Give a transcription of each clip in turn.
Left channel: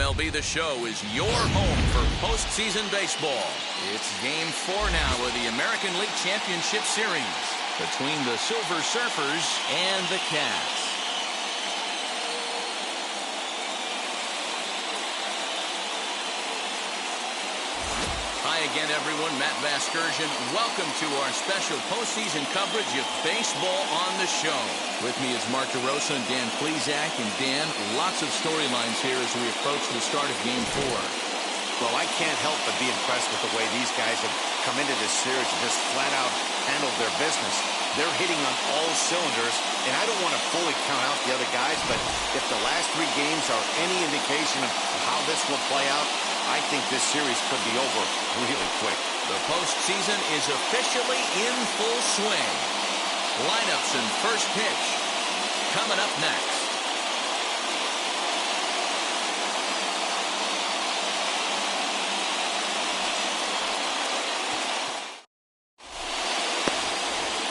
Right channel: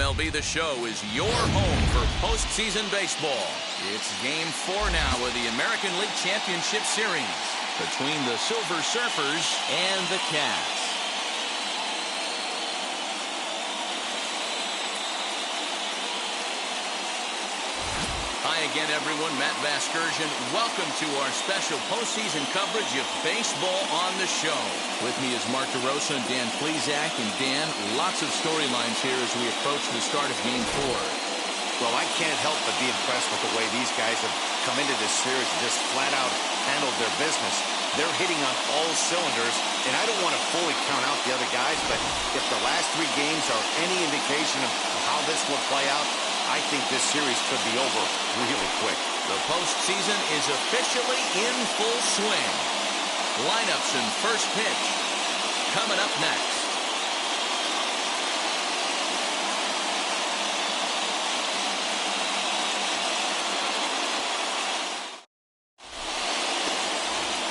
MLB The Show is your home for postseason baseball. It's Game 4 now of the American League Championship Series between the Silver Surfers and the Cats. Hi again, everyone. Matt Vasgersian. Welcome to our special postseason coverage of Baseball on the Show. With me is Mark DeRosa and Dan Plesac. And Dan, lots of storylines here as we approach the start of Game 4. Well, I can't help but be impressed with the way these guys have come into this series and just flat out handled their business. They're hitting on all cylinders, and I don't want to fully count out the other guys, but if the last 3 games are any indication of how this will play out, I think this series could be over really quick. The postseason is officially in full swing. Lineups and first pitch coming up next.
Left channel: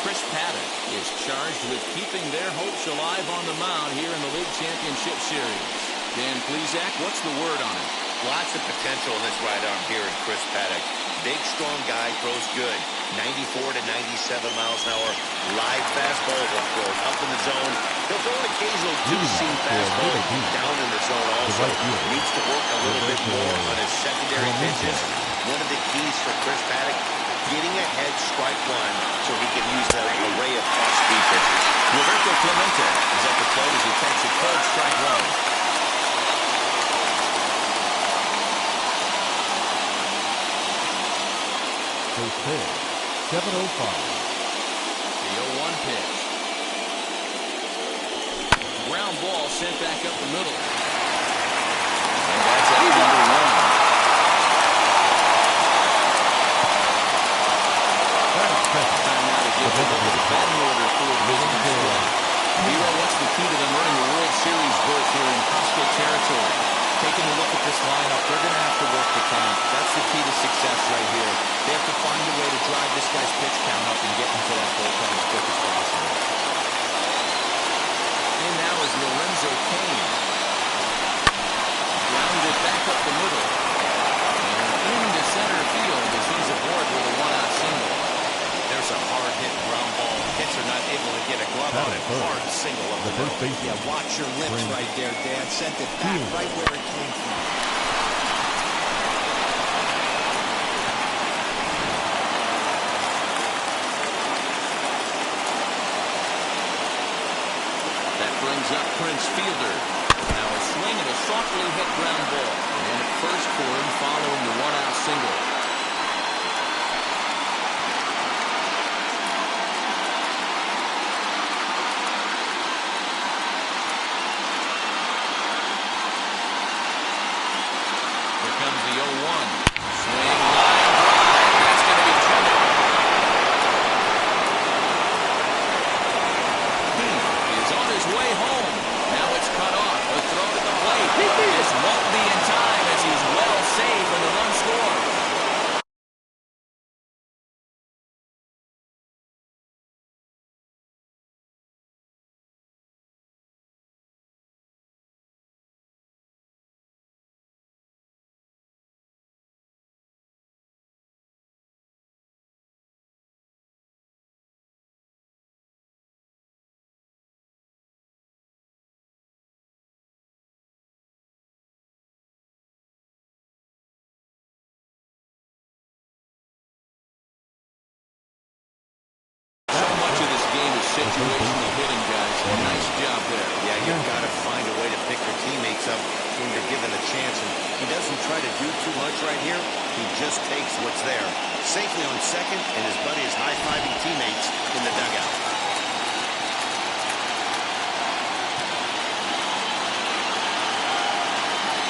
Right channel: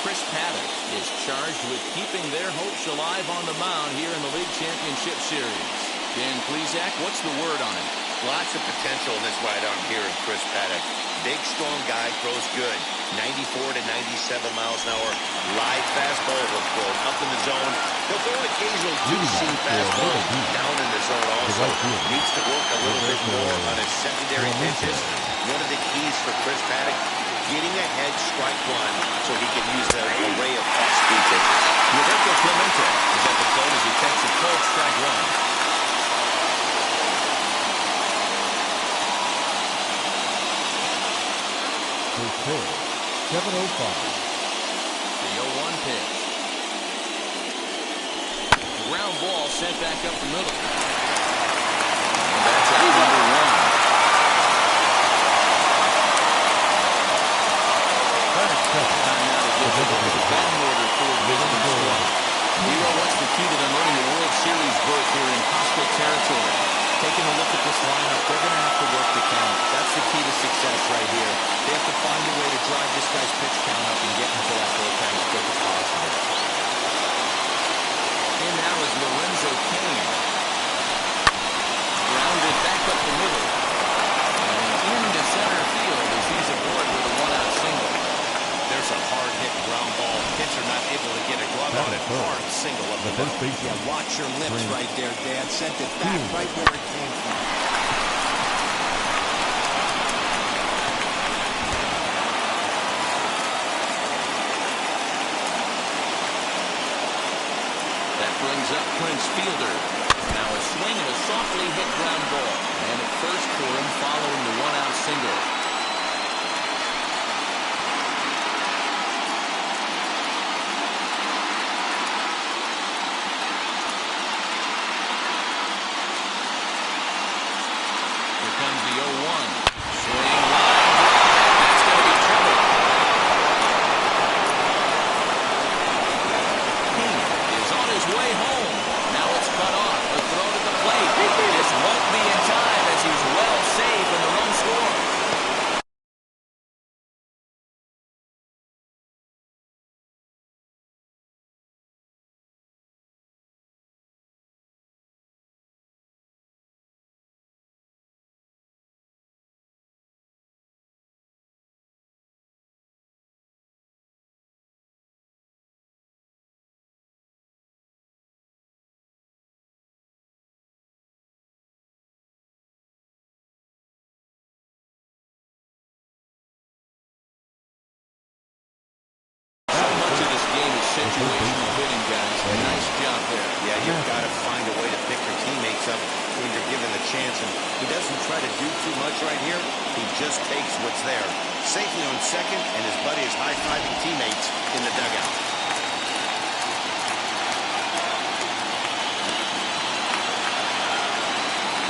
Chris Paddock is charged with keeping their hopes alive on the mound here in the League Championship Series. Dan Plesac, what's the word on him? Lots of potential in this right arm here in Chris Paddock. Big, strong guy, throws good. 94 to 97 miles an hour. Live fastball. He'll throw it up in the zone. He'll throw an occasional two-seam fastball down in the zone also. Needs to work a little bit more on his secondary pitches. One of the keys for Chris Paddock, getting ahead strike one so he can use the array of off-speed pitches. Roberto Clemente is at the plate as he takes a cold strike one. First pitch, 7:05. The 0-1 pitch. Ground ball sent back up the middle. And that's out number 1. Time now to give the batting order for the visiting squad. Hero, what's the key to them earning the World Series berth here in hostile territory? Taking a look at this lineup, they're going to have to work the count. That's the key to success right here. They have to find a way to drive this guy's pitch count up and get into that bullpen as quick as possible. In now is Lorenzo Cain. Grounded back up the middle. And into center field as he's aboard with a 1-out single. There's a hard-hit ground ball. Pitcher not able to get a glove on it. Hard single up the middle. Yeah, watch your lips right there, Dan. Sent it back right where it came from. That brings up Prince Fielder. Now a swing and a softly hit ground ball. And at first for him following the 1-out single. Comes the 0-1. Swing, line, drive. That's going to be trouble. King is on his way home. Now it's cut off. A throw to the plate. This won't be in time as he's well safe and the run scores. So much of this game is situational hitting, guys. Nice job there. Yeah, you've got to find a way to pick your teammates up when you're given the chance. And he doesn't try to do too much right here. He just takes what's there. Safely on second, and his buddy is high-fiving teammates in the dugout.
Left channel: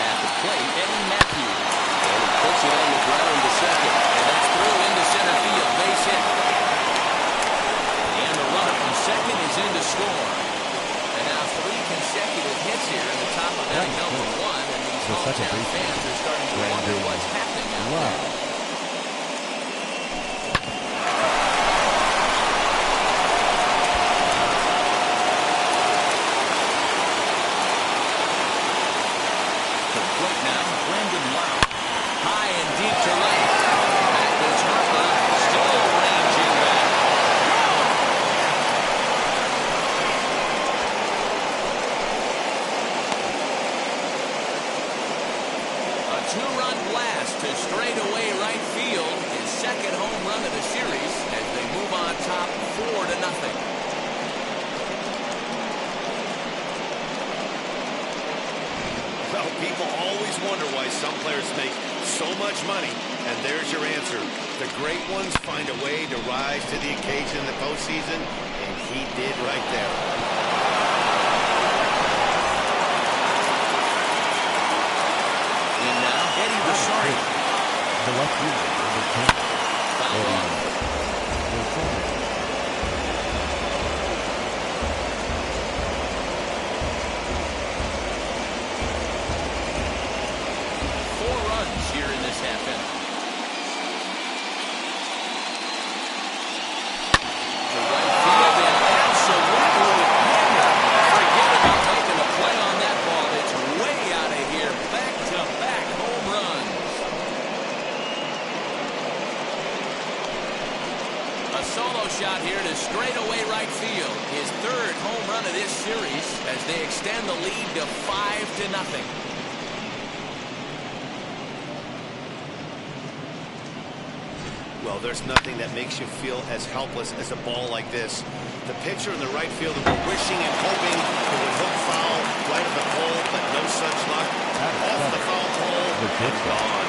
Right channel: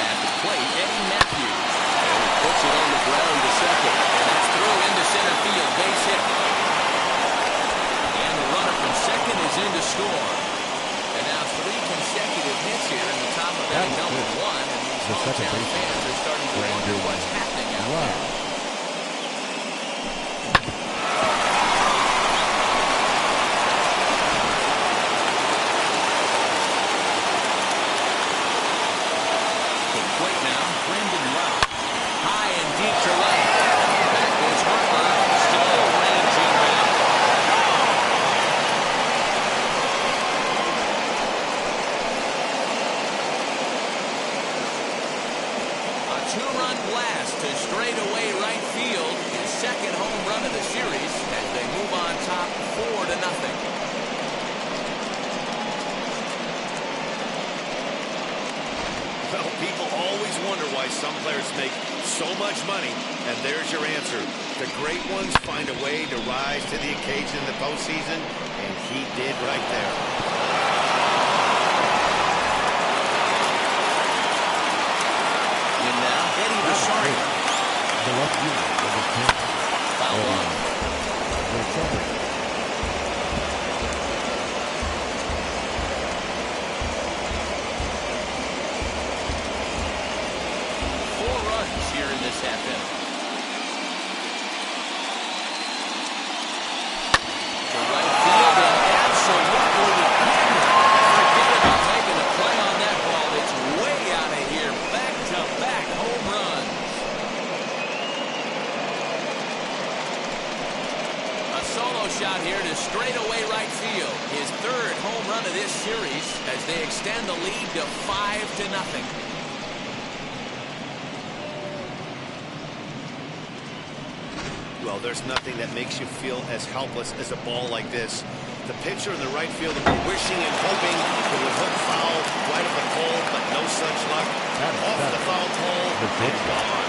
At the plate, Eddie Matthews. And he puts it on the ground to second. And that's through into center field. Base hit. And the runner from second is in to score. And now 3 consecutive hits here in the top of inning number 1. And these hometown fans are starting to wonder what's happening out there. The plate now second home run of the series as they move on top 4-0. Well, people always wonder why some players make so much money, and there's your answer. The great ones find a way to rise to the occasion in the postseason, and he did right there. In now, Eddie Rosario. The left fielder, number 10. Fouled off. Rosario. 4 runs here in this half inning. To right field and absolutely hammered. Forget about making a play on that ball. It's way out of here. Back-to-back home runs. A solo shot here to straightaway right field. His third home run of this series as they extend the lead to 5-0. Well, there's nothing that makes you feel as helpless as a ball like this. The pitcher and the right fielder were wishing and hoping it would hook foul right at the pole, but no such luck. Off the foul pole and gone.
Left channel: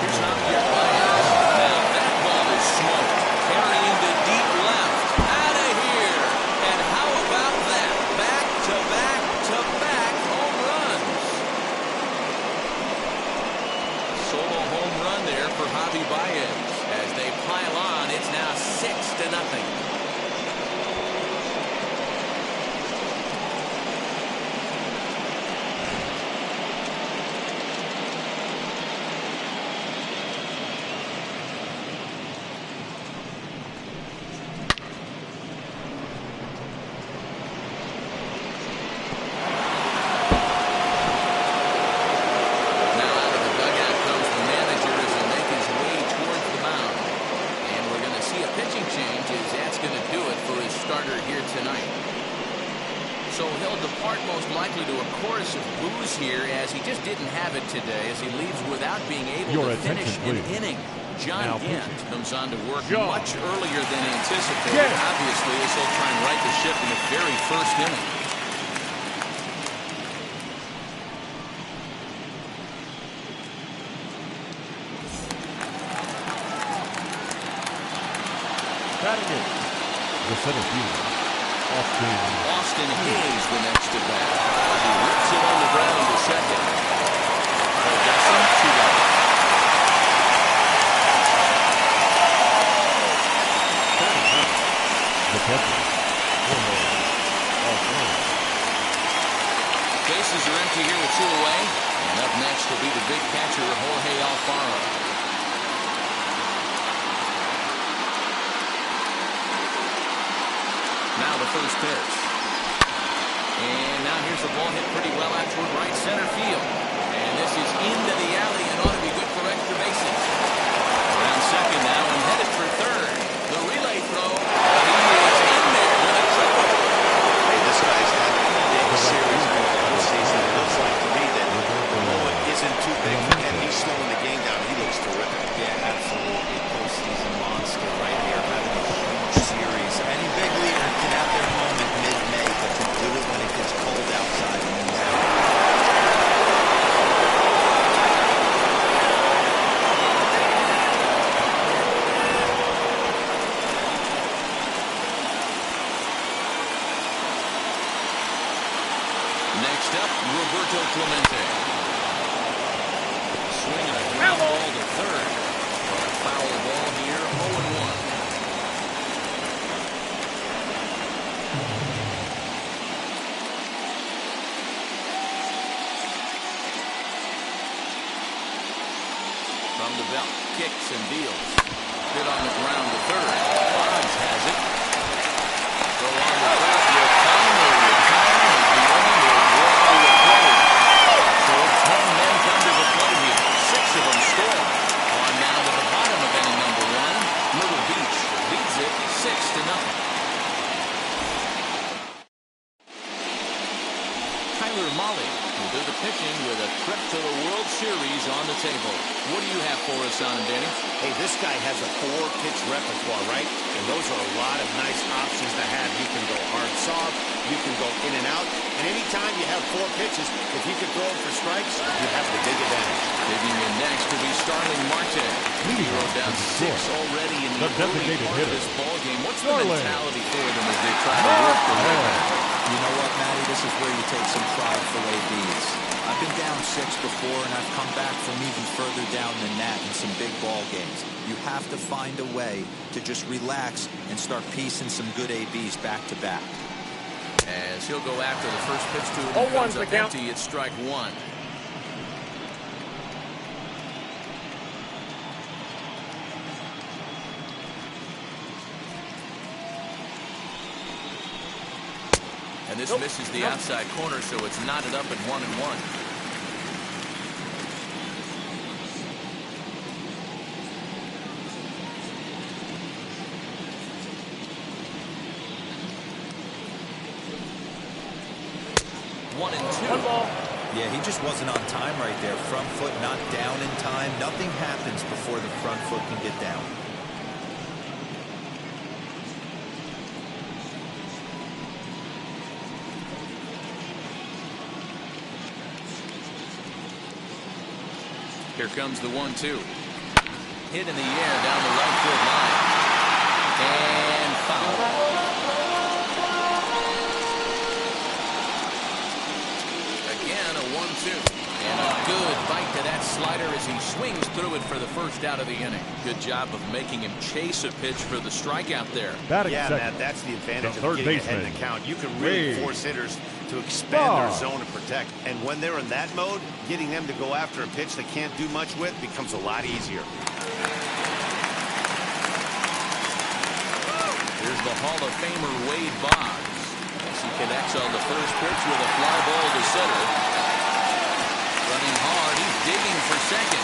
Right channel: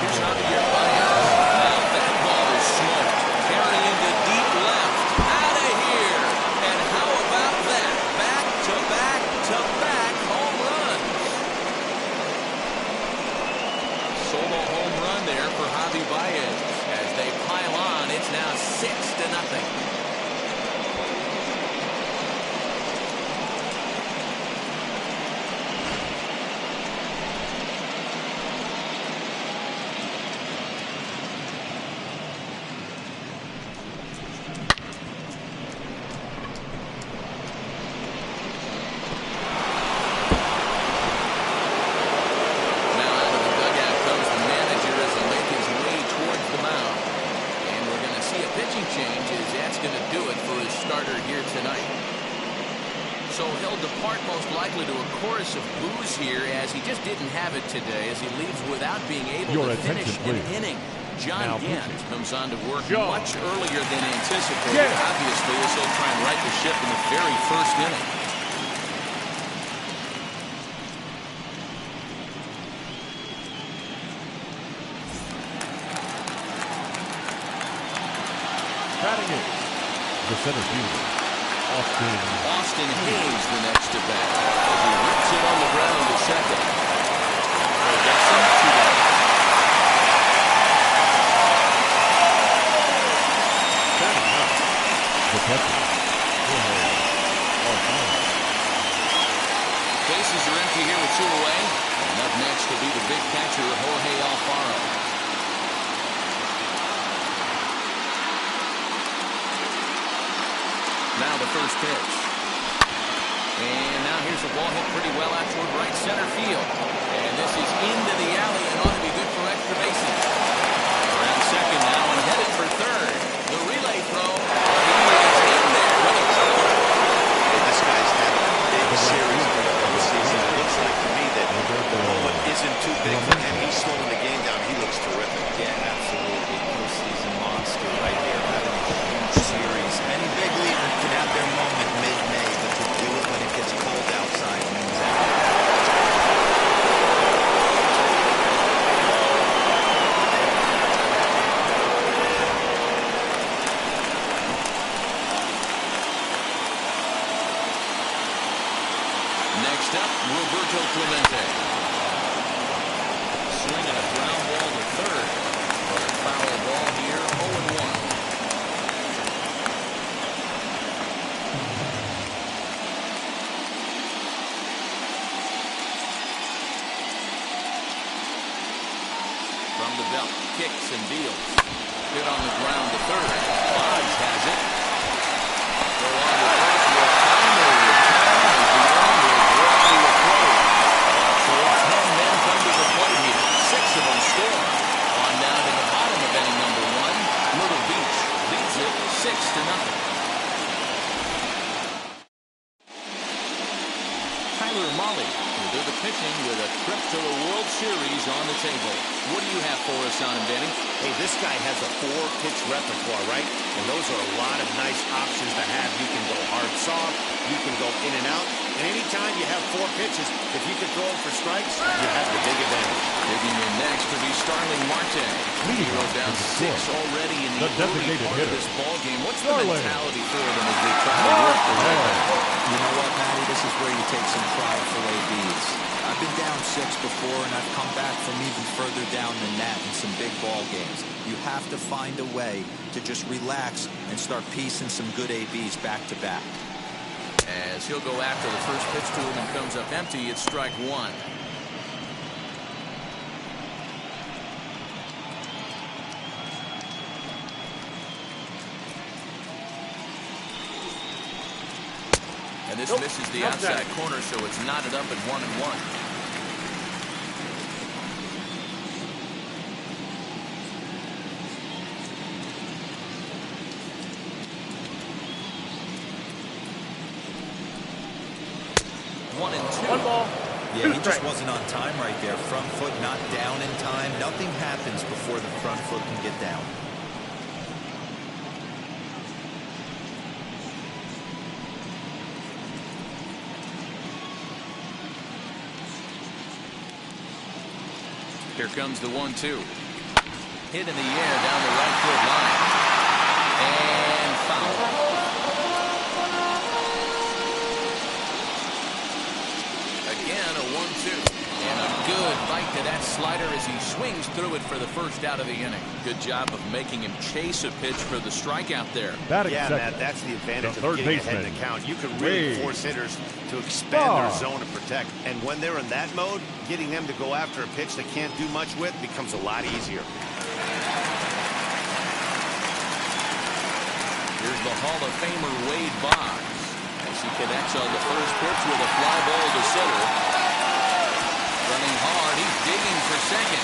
Here's Javier Baez. Now that ball is smoked. Carrying to deep left. Out of here. And how about that? Back-to-back-to-back home runs. Solo home run there for Javi Baez. As they pile on, it's now 6-0. So he'll depart most likely to a chorus of boos here as he just didn't have it today as he leaves without being able to finish an inning. John Gant comes on to work much earlier than anticipated. Obviously, as he'll try and right the ship in the very first inning. Batting it, the center fielder, Austin Hayes, the next to bat, as he rips it on the ground to second. Production, 2 down. Batting up, the catcher, offline. Bases are empty here with 2 away, and up next will be the big catcher, Jorge Alfaro. Now the first pitch. And now here's a ball hit pretty well out toward right center field. And this is into the alley and ought to be good for extra bases. Around second now and headed for third. The relay throw. But he is in there with a triple. Hey, this guy's having a big series in the postseason. It looks like to me that the moment isn't too big for him. He's slowing the game down. He looks terrific. Yeah, absolutely. Postseason monster right here. Having a huge series. Any big leader can have their moment mid-May, but to do it when it gets cold outside means everything. Next up, Roberto Clemente. Swinging a ground ball to third. But a foul ball here, 0-1. From the belt, kicks and deals. Hit on the ground to third. Boggs has it. Throw on to first will finally retire as the inning will draw to a close. So 10 men come to the plate here. 6 of them score. On now to the bottom of inning number 1. Myrtle Beach leads it 6-0. Tyler Mahle We'll do the pitching with a trip to the World Series on the table. What do you have for us on him, Danny? Hey, this guy has a 4-pitch repertoire, right? And those are a lot of nice options to have. You can go hard, soft. You can go in and out. And anytime you have 4 pitches, if you can throw them for strikes, you have the big advantage. Digging in next to be Starling Marte. Hero down 6 already in the early part of this ball game. What's the mentality for them as they try to work their way back? You know what, Matty? This is where you take some prideful ABs. I've been down 6 before, and I've come back from even further down than that in some big ball games. You have to find a way to just relax and start piecing some good ABs back to back. As he'll go after the first pitch to him and comes up empty, it's strike 1. And this misses the outside corner, so it's knotted up at 1-1. One and two. Yeah, he just wasn't on time right there. Front foot not down in time. Nothing happens before the front foot can get down. Here comes the 1-2. Hit in the air down the right field line. And foul. Again, a 1-2. And a good bite to that slider as he swings through it for the first out of the inning. Good job of making him chase a pitch for the strikeout there. Yeah, Matt, that's the advantage of getting ahead in the count. You can really force hitters to expand their zone and protect. And when they're in that mode, getting them to go after a pitch they can't do much with becomes a lot easier. Here's the Hall of Famer Wade Boggs as he connects on the first pitch with a fly ball to center. Running hard, he's digging for second.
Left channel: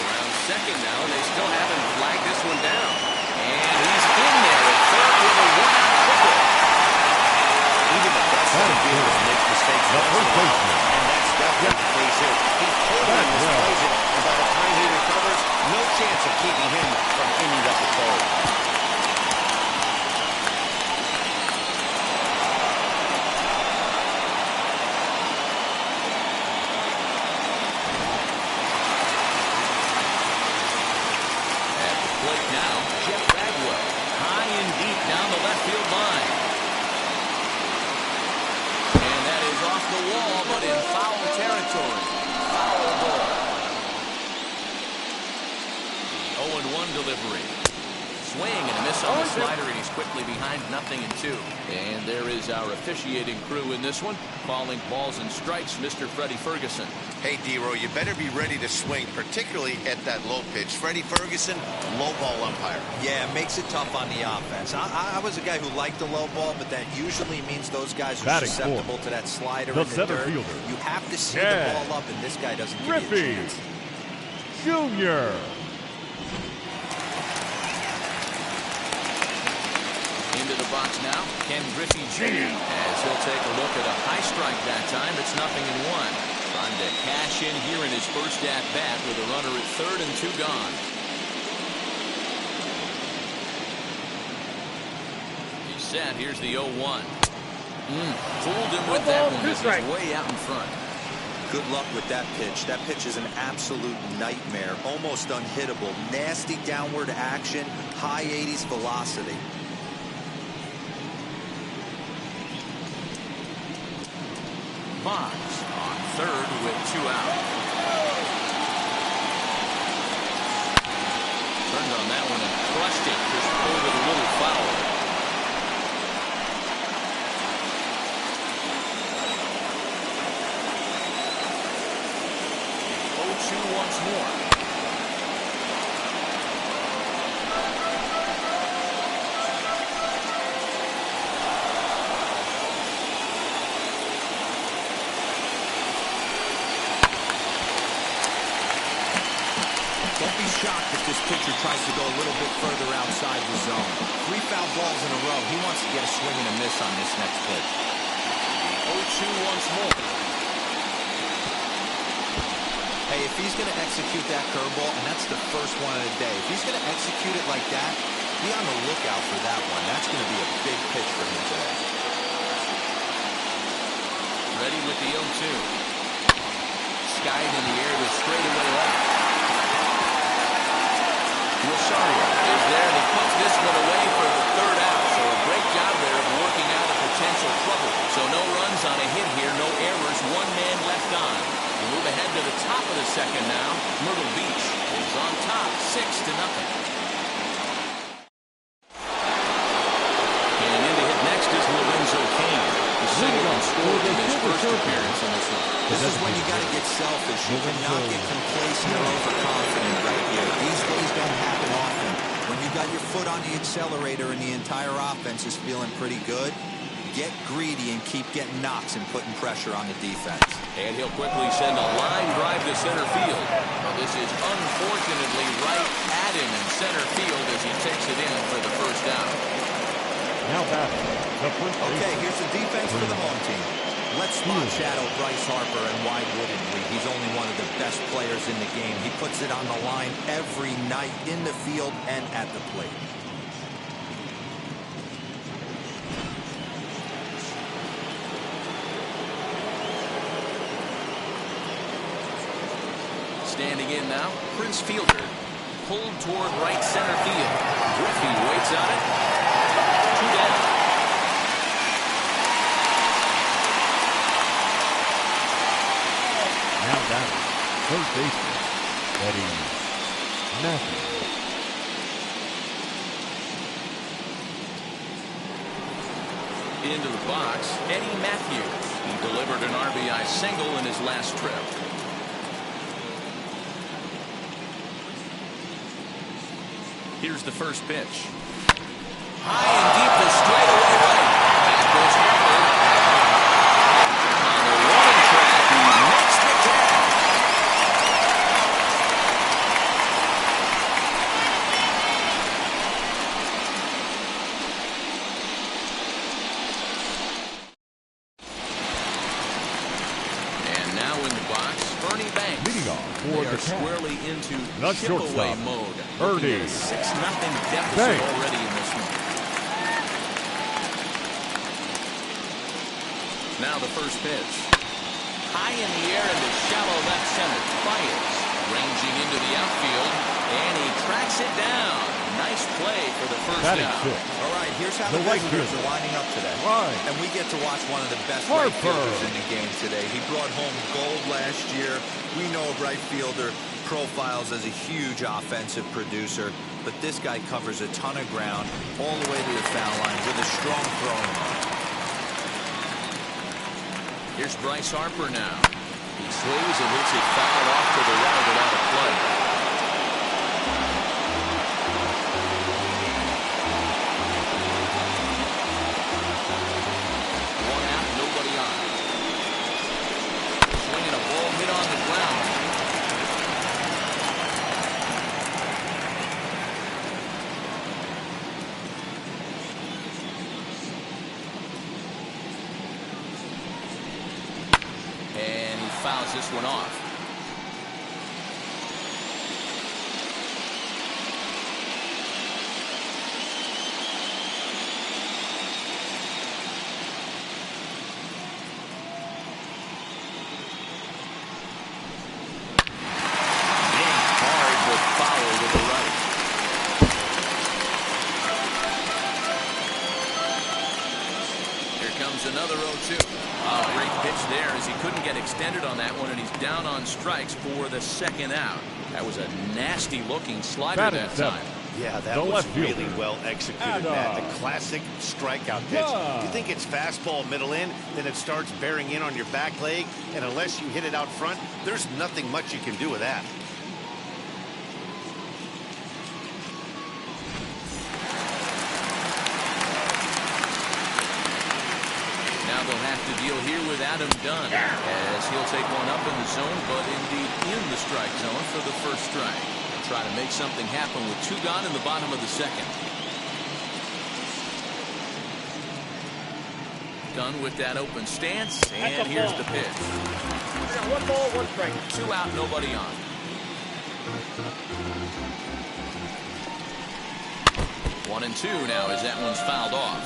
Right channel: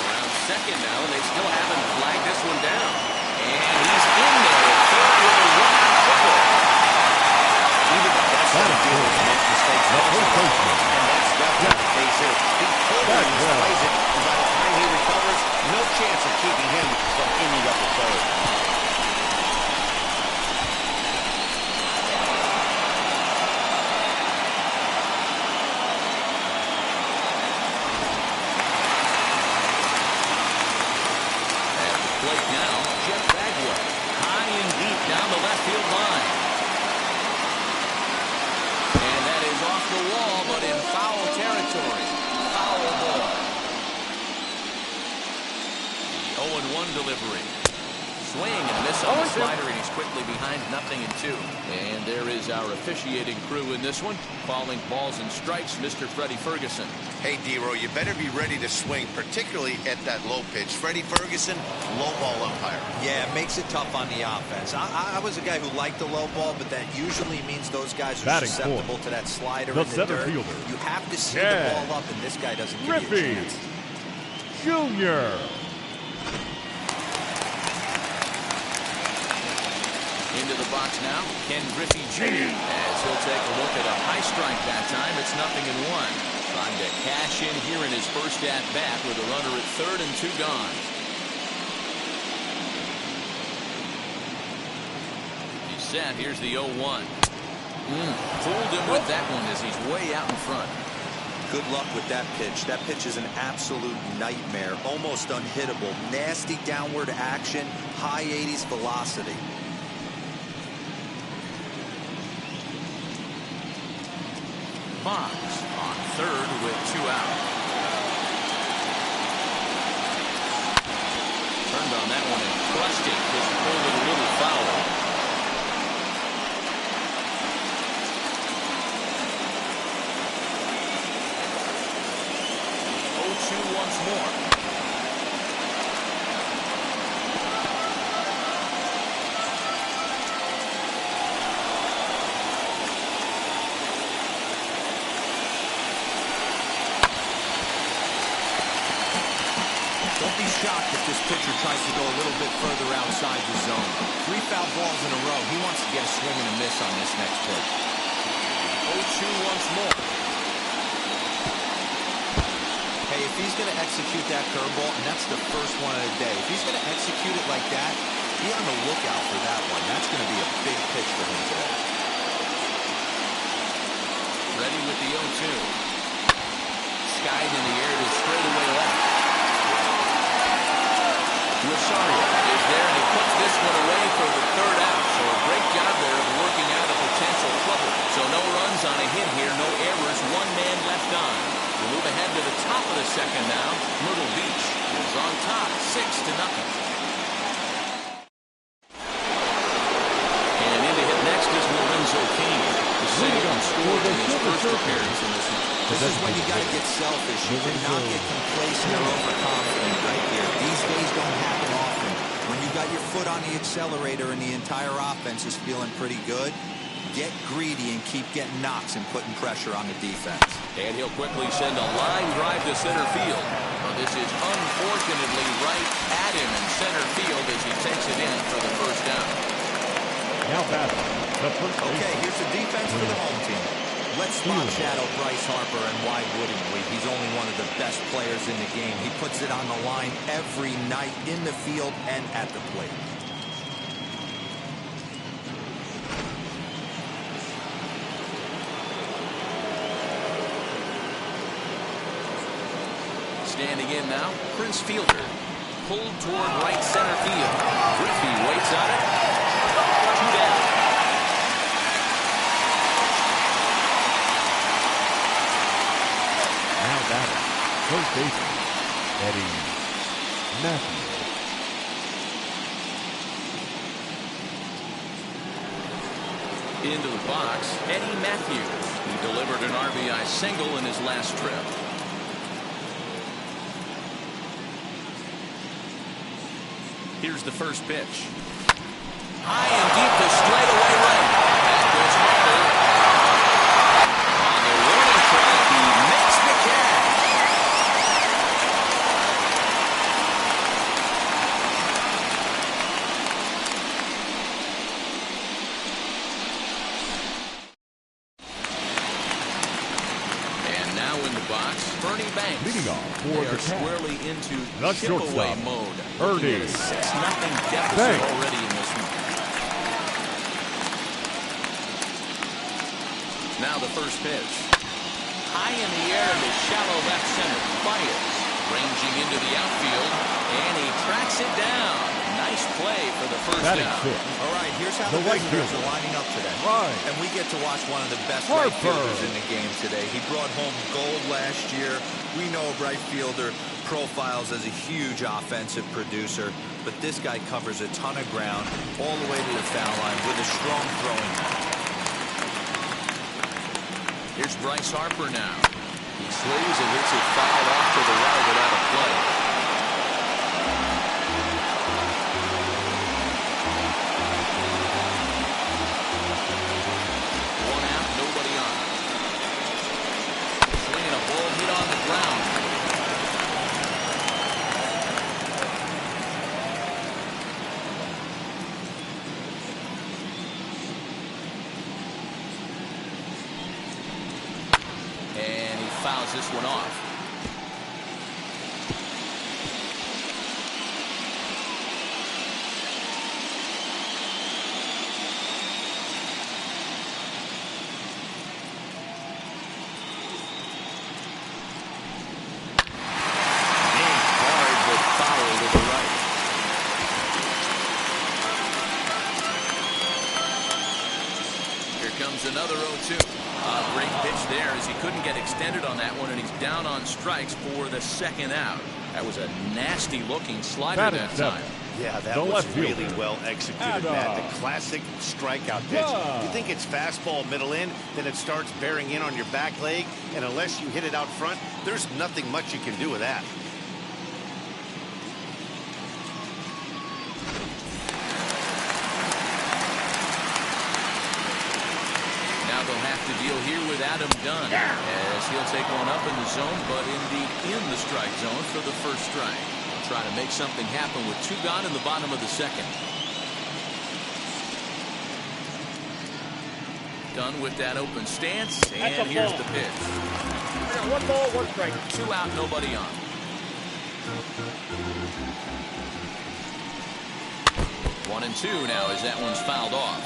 Around second now, and they still haven't flagged this one down. And he's in there at third with a 1-out triple. Even the best of fielders make mistakes once in a while, and that's definitely the case here. He totally misplays it, and by the time he recovers, no chance of keeping him from ending up at third. Plate now, Jeff Bagwell, high and deep down the left field line. And that is off the wall, but in foul territory. Foul ball. The 0-1 delivery. Swing and a miss on the slider, and he's quickly behind 0-2. And there is our officiating crew in this one, calling balls and strikes, Mr. Freddie Ferguson. Hey, D-Row, you better be ready to swing, particularly at that low pitch. Freddie Ferguson, low ball umpire. Yeah, it makes it tough on the offense. I was a guy who liked the low ball, but that usually means those guys are susceptible to that slider in the dirt. Fielder. You have to see the ball up, and this guy doesn't give you a chance. Jr. Into the box now, Ken Griffey Jr. as he'll take a look at a high strike that time. It's 0-1. Trying to cash in here in his first at-bat with a runner at third and 2 gone. He's set. Here's the 0-1. Fooled him with that one as he's way out in front. Good luck with that pitch. That pitch is an absolute nightmare. Almost unhittable. Nasty downward action. High 80s velocity. Boggs on third with 2 out. Turned on that one and crushed it. Just pulled it a little foul. The 0-2 once more. Don't be shocked if this pitcher tries to go a little bit further outside the zone. 3 foul balls in a row. He wants to get a swing and a miss on this next pitch. The 0-2 once more. Hey, if he's going to execute that curveball, and that's the first one of the day, if he's going to execute it like that, be on the lookout for that one. That's going to be a big pitch for him today. Ready with the 0-2. Skied in the air to straightaway left. Rosario is there, and he puts this one away for the third out. So a great job there of working out a potential trouble. So no runs on a hit here, no errors, one man left on. We'll move ahead to the top of the second now. Myrtle Beach is on top, 6-0. And in to hit next is Lorenzo Cain. The single scored in his first appearance in this one. This is when you got to get selfish. You cannot get complacent or overconfident right here. These days don't happen often. When you got your foot on the accelerator and the entire offense is feeling pretty good, get greedy and keep getting knocks and putting pressure on the defense. And he'll quickly send a line drive to center field. Well, this is unfortunately right at him in center field as he takes it in for the first out. Now batting, the first baseman. Okay, here's the defense for the home team. Let's spot shadow Bryce Harper, and why wouldn't we? He's only one of the best players in the game. He puts it on the line every night in the field and at the plate. Standing in now, Prince Fielder. Pulled toward right center field. Griffey waits on it. 2 down. Now batting, first baseman, Eddie Matthews. Into the box, Eddie Matthews. He delivered an RBI single in his last trip. Here's the first pitch. High and deep to straightaway right. Back goes Harper. On the warning track, he makes the catch. And now in the box, Ernie Banks. Leading off for They the are Cats, squarely into the chip-away shortstop, mode. Ernie Looking at a 6-0 deficit Banks. already in this one. Now the first pitch. High in the air into shallow left center. Baez ranging into the outfield, and he tracks it down. Nice play for the first batting out. fifth. All right, here's how the right visitors fielder. are lining up today. Right. And we get to watch one of the best Harper. right fielders in the game today. He brought home gold last year. We know a right fielder profiles as a huge offensive producer, but this guy covers a ton of ground all the way to the foul line with a strong throwing arm. Here's Bryce Harper now. He swings and hits it foul off to the right without a play. One out, nobody on. Swinging a ball hit on the ground. And he fouls this one off. Another 0-2. A great pitch there as he couldn't get extended on that one, and he's down on strikes for the second out. That was a nasty looking slider that time. Yeah, that The was left really fielder. well executed, Matt. The classic strikeout pitch. You think it's fastball middle in, then it starts bearing in on your back leg, and unless you hit it out front, there's nothing much you can do with that. Now they'll have to deal here with Adam Dunn as he'll take one up in the zone, but indeed in the strike zone for the first strike. They'll try to make something happen with 2 gone in the bottom of the second. done with that open stance, and here's the pitch. I got 1 ball, 1 strike. 2 out, nobody on. One and two now as that one's fouled off.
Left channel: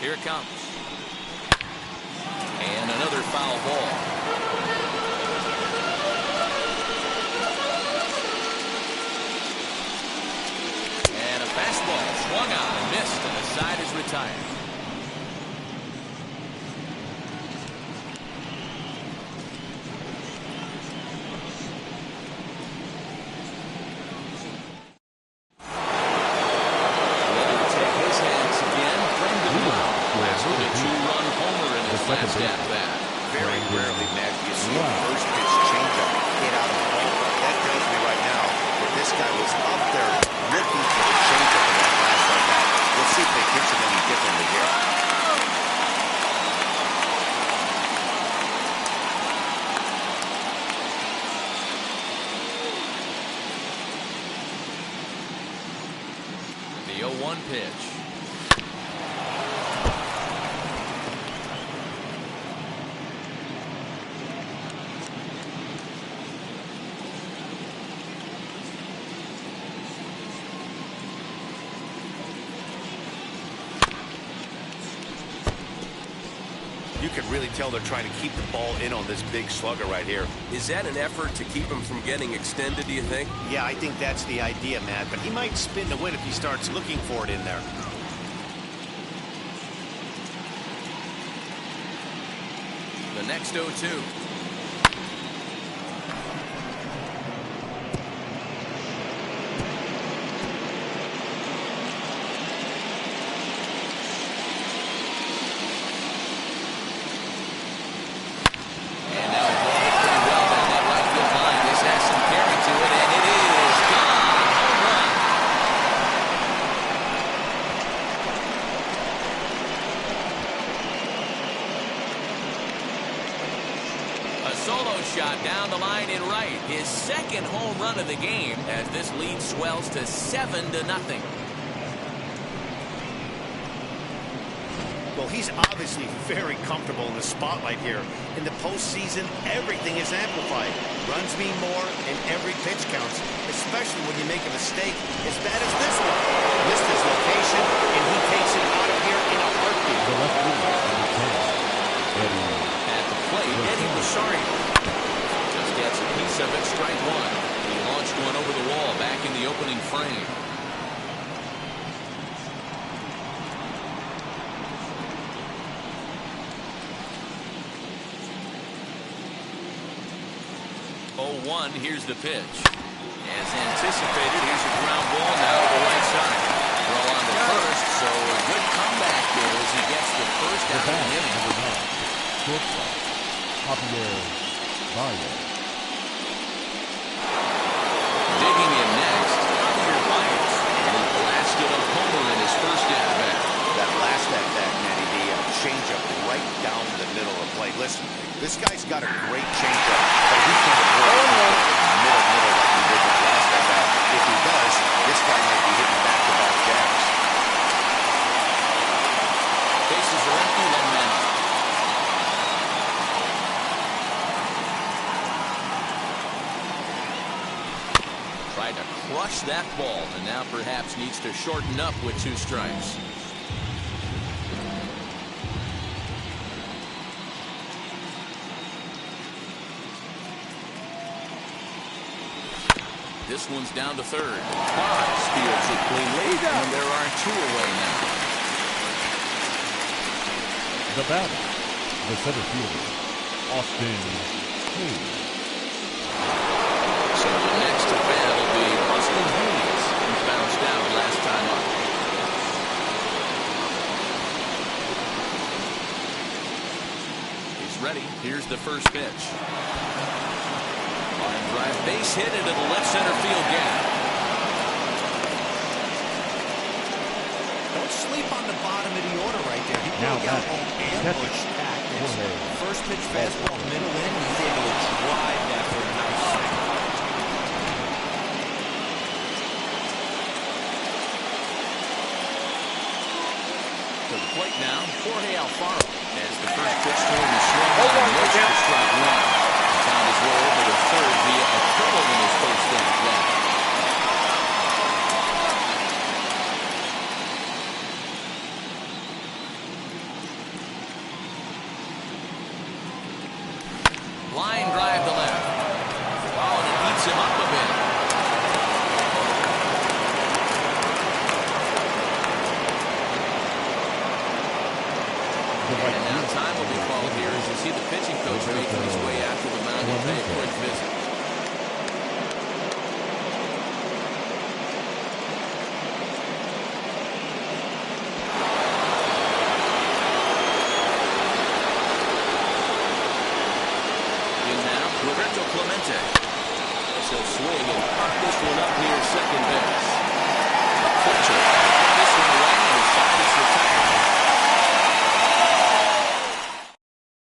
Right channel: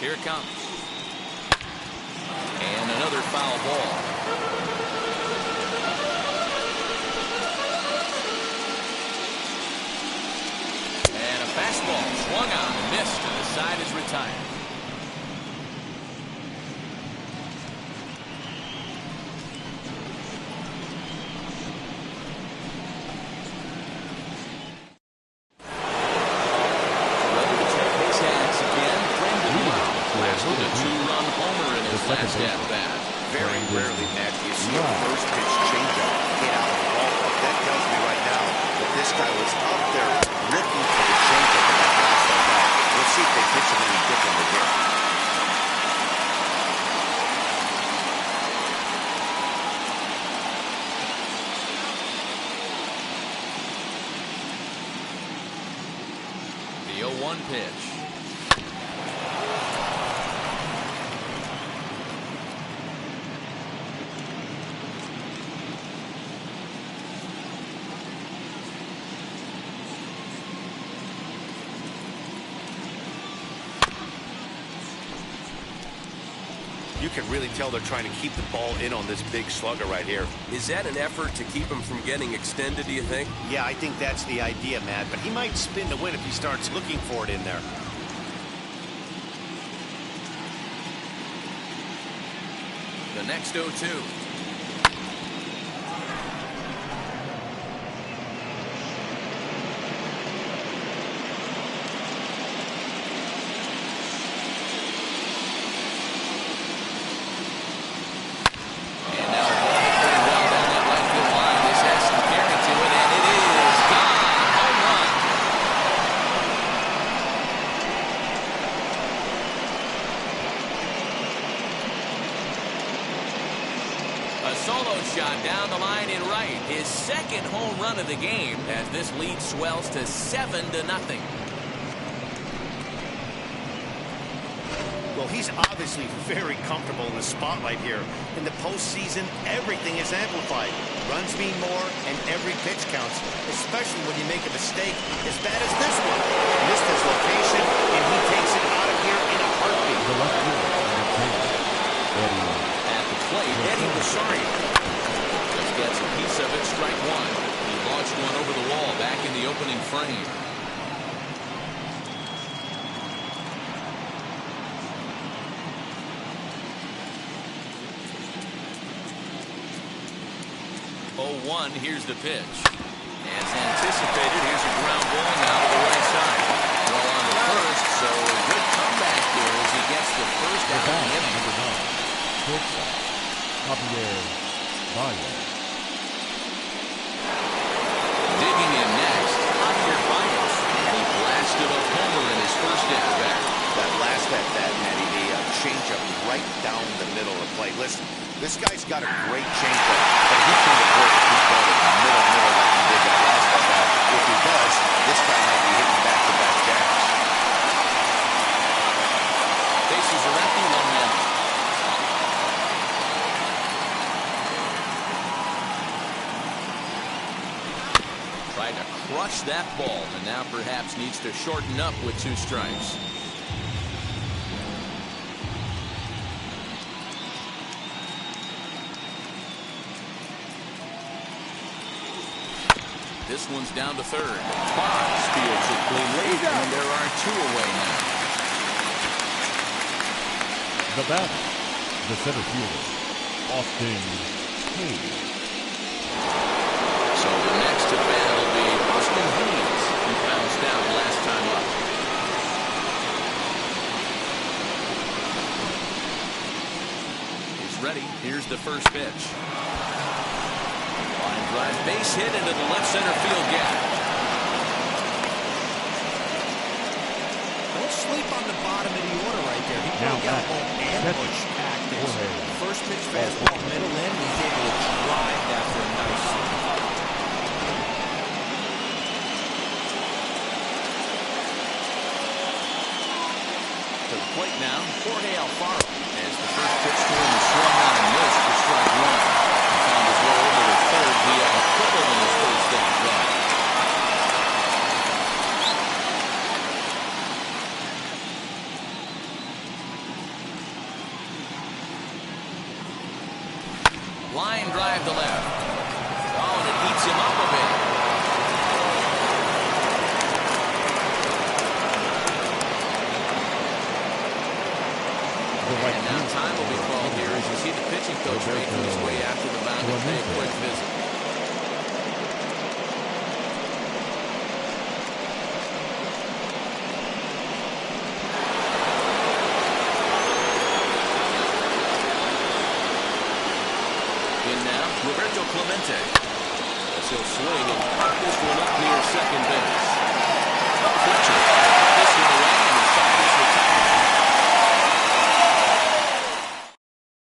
Here it comes. And another foul ball. And a fastball swung on and missed, and the side is retired. With a 2-run homer in his last at-bat. Very rarely, Matt, do you see a first pitch changeup hit out of the ballpark. That tells me right now that this guy was up there looking for the changeup in that last at-bat. We'll see if they pitch him any differently here. The 0-1 pitch. You can really tell they're trying to keep the ball in on this big slugger right here. Is that an effort to keep him from getting extended, do you think? Yeah, I think that's the idea, Matt. But he might spin to win if he starts looking for it in there. The next 0-2. A solo shot down the line in right. His second home run of the game as this lead swells to 7-0. Well, he's obviously very comfortable in the spotlight here. In the postseason, everything is amplified. Runs mean more, and every pitch counts, especially when you make a mistake as bad as this one. Missed his location, and he takes it out of here in a heartbeat. The left fielder, number 10, Eddie. At the plate, Eddie Rosario just gets a piece of it, strike one. He launched one over the wall back in the opening frame. Here's the pitch. As anticipated, here's a ground ball now to the right side. Throw on the first, so a good comeback there as he gets the first out of the inning. Number 9, shortstop, Javier Baez. Digging in next, Javier Baez. And he blasted a homer in his first at-bat. That last at-bat, Matty V, a changeup right down the middle of the plate. Listen, this guy's got a great changeup, but he can't afford to keep going middle like he did that last at-bat. If he does, this guy might be hitting back-to-back jacks. Bases are empty, 1 man. Tried to crush that ball, and now perhaps needs to shorten up with 2 strikes. This one's down to third. Bonds fields it cleanly, and there are 2 away now. The batter, the center fielder, Austin Hayes. So the next to bat will be Austin Hayes, who bounced out last time up. He's ready. Here's the first pitch. Line drive, base hit into the left center field gap. Don't sleep on the bottom of the order right there. He Now broke out home ambush tactics. First pitch fastball, middle in. He's able to drive that for a nice swing. plate now, Jorge Alfaro. As the first pitch to him is swung on and missed for strike one. He found his way over to third via a triple in his first at-bat. Line drive to left. Oh, and it eats him up a bit. And now time will be called here as you see the pitching coach making his way out to the mound to pay a quick visit. In now, Roberto Clemente. As he'll swing and pop this one up near second base. Fletcher put this one away and his side is retired.